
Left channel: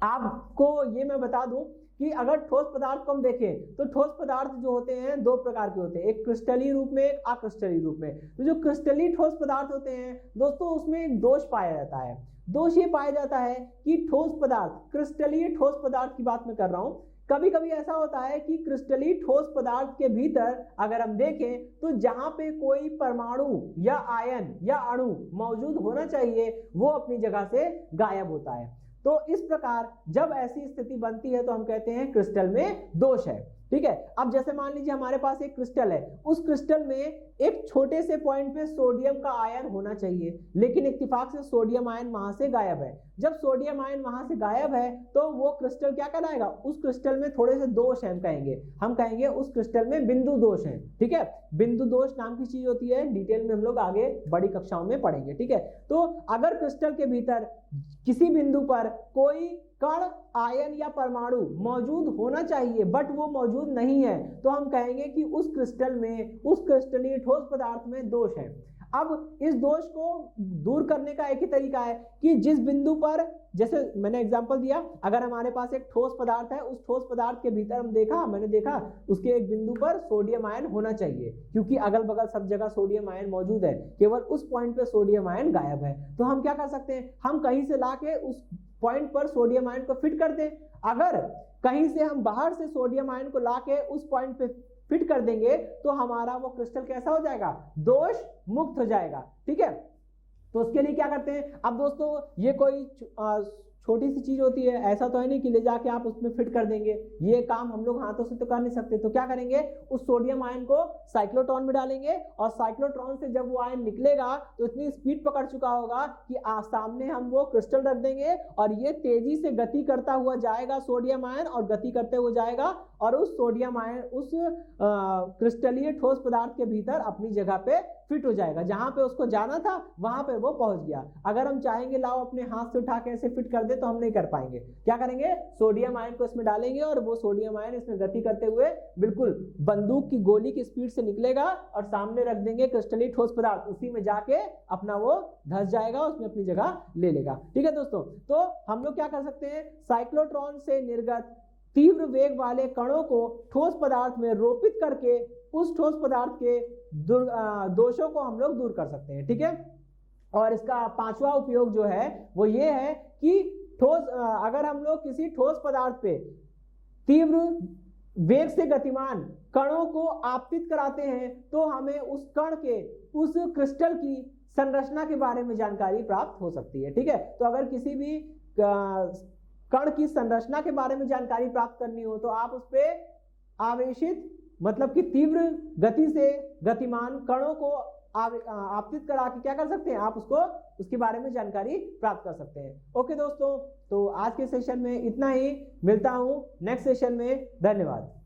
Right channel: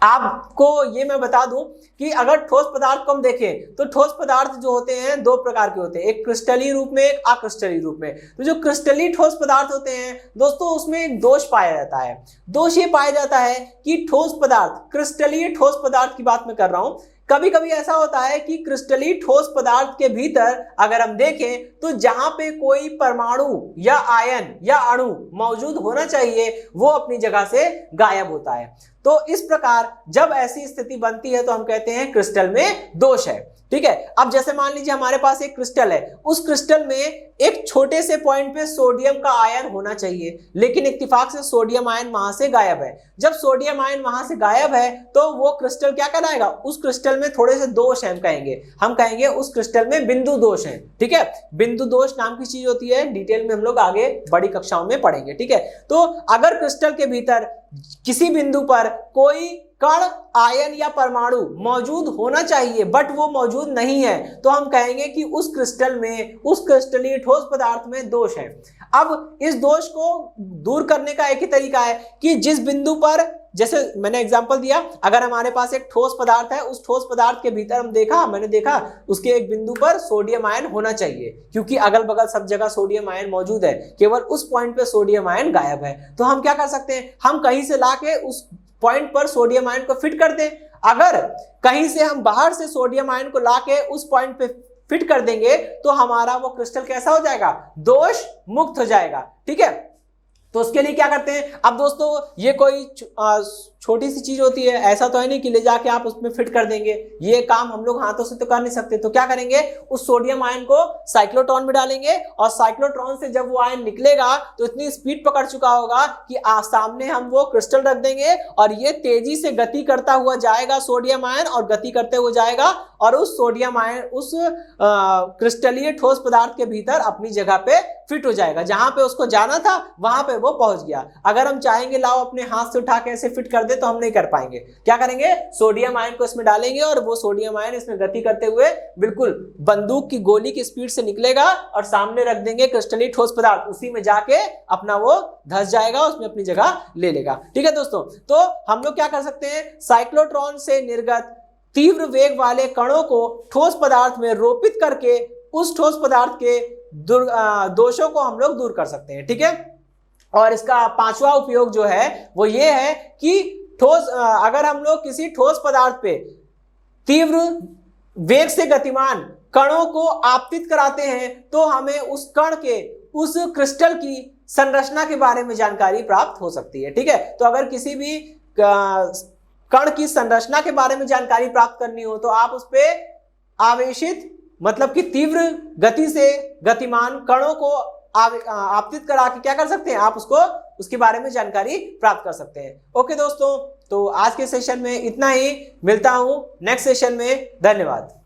आपको ये मैं बता दूं कि अगर ठोस पदार्थ को हम देखें तो ठोस पदार्थ जो होते हैं दो प्रकार के होते हैं, एक क्रिस्टलीय रूप में, एक अक्रिस्टलीय रूप में। तो जो क्रिस्टलीय ठोस पदार्थ होते हैं दोस्तों, उसमें एक दोष पाया जाता है। दोष ये पाया जाता है कि ठोस पदार्थ, क्रिस्टलीय ठोस पदार्थ की बात मैं कर रहा हूं, कभी कभी ऐसा होता है कि क्रिस्टलीय ठोस पदार्थ के भीतर अगर हम देखें तो जहां पे कोई परमाणु या आयन या अणु मौजूद होना चाहिए वो अपनी जगह से गायब होता है। तो इस प्रकार जब ऐसी स्थिति बनती है तो हम कहते हैं क्रिस्टल में दोष है। ठीक है, अब जैसे मान लीजिए हमारे पास एक क्रिस्टल है, उस क्रिस्टल में एक छोटे से पॉइंट पे सोडियम का आयन होना चाहिए, लेकिन इत्तेफाक से सोडियम आयन वहां से गायब है। जब सोडियम आयन वहां से गायब है तो वो क्रिस्टल क्या कहलाएगा? उस क्रिस्टल में थोड़े से दोष है, हम कहेंगे उस क्रिस्टल में बिंदु दोष है। ठीक है, बिंदु दोष नाम की चीज होती है, डिटेल में हम लोग आगे बड़ी कक्षाओं में पढ़ेंगे। ठीक है, तो अगर क्रिस्टल के भीतर किसी बिंदु पर कोई कण, आयन या परमाणु मौजूद होना चाहिए बट वो मौजूद नहीं है, तो हम कहेंगे कि उस क्रिस्टल में, उस क्रिस्टलीय ठोस पदार्थ में दोष है। अब इस दोष को दूर करने का एक ही तरीका है कि जिस बिंदु पर, जैसे मैंने एग्जांपल दिया, अगर हमारे पास एक ठोस पदार्थ है, उस ठोस पदार्थ के भीतर मैंने देखा उसके एक बिंदु पर सोडियम आयन होना चाहिए, क्योंकि अगल बगल सब जगह सोडियम आयन मौजूद है, केवल उस पॉइंट पे सोडियम आयन गायब है। तो हम क्या कर सकते हैं? हम कहीं से लाके उस पॉइंट पर सोडियम आयन को फिट कर दें। अगर कहीं से हम बाहर से सोडियम आयन को लाके उस पॉइंट पे फिट कर देंगे तो हमारा वो क्रिस्टल कैसा हो जाएगा? दोष मुक्त हो जाएगा। ठीक है, तो उसके लिए क्या करते हैं? अब दोस्तों ये कोई छोटी सी चीज होती है, ऐसा तो है नहीं कि ले जाके आप उसमें फिट कर देंगे, ये काम हम लोग हाथों से तो कर नहीं सकते। तो क्या करेंगे? उस सोडियम आयन को साइक्लोट्रॉन में डालेंगे और साइक्लोट्रॉन से जब वो आयन निकलेगा तो इतनी स्पीड पकड़ चुका होगा कि सामने हम वो क्रिस्टल रख देंगे और ये तेजी से गति करता हुआ जाएगा सोडियम आयन, और गति करते हुए जाएगा और उस सोडियम आयन उस क्रिस्टलीय ठोस पदार्थ के भीतर अपनी जगह पे फिट हो जाएगा, जहां पे उसको जाना था वहां पे वो पहुंच गया। अगर हम चाहेंगे लाओ अपने हाथ से उठा के ऐसे फिट कर दे तो हम नहीं कर पाएंगे। क्या करेंगे? सोडियम आयन को इसमें डालेंगे और वो सोडियम आयन इसमें गति करते हुए बिल्कुल बंदूक की गोली की स्पीड से निकलेगा और सामने रख देंगे क्रिस्टलीय ठोस पदार्थ, उसी में जाके अपना वो धंस जाएगा, उसमें अपनी जगह ले लेगा। ठीक है दोस्तों, तो हम लोग क्या कर सकते हैं? साइक्लोट्रॉन से निर्गत तीव्र वेग वाले कणों को ठोस पदार्थ में रोपित करके उस ठोस पदार्थ के दोषों को हम लोग दूर कर सकते हैं। ठीक है, और इसका पांचवा उपयोग जो है वो ये है कि अगर हम लोग किसी ठोस पदार्थ पे तीव्र वेग से गतिमान कणों को आपतित कराते हैं तो हमें उस कण के, उस क्रिस्टल की संरचना के बारे में जानकारी प्राप्त हो सकती है। ठीक है, तो अगर किसी भी कण की संरचना के बारे में जानकारी प्राप्त करनी हो तो आप उस पे आवेशित, मतलब कि तीव्र गति से गतिमान कणों को आपतित करा के क्या कर सकते हैं? आप उसके बारे में जानकारी प्राप्त कर सकते हैं। ओके दोस्तों, तो आज के सेशन में इतना ही, मिलता हूं नेक्स्ट सेशन में। धन्यवाद।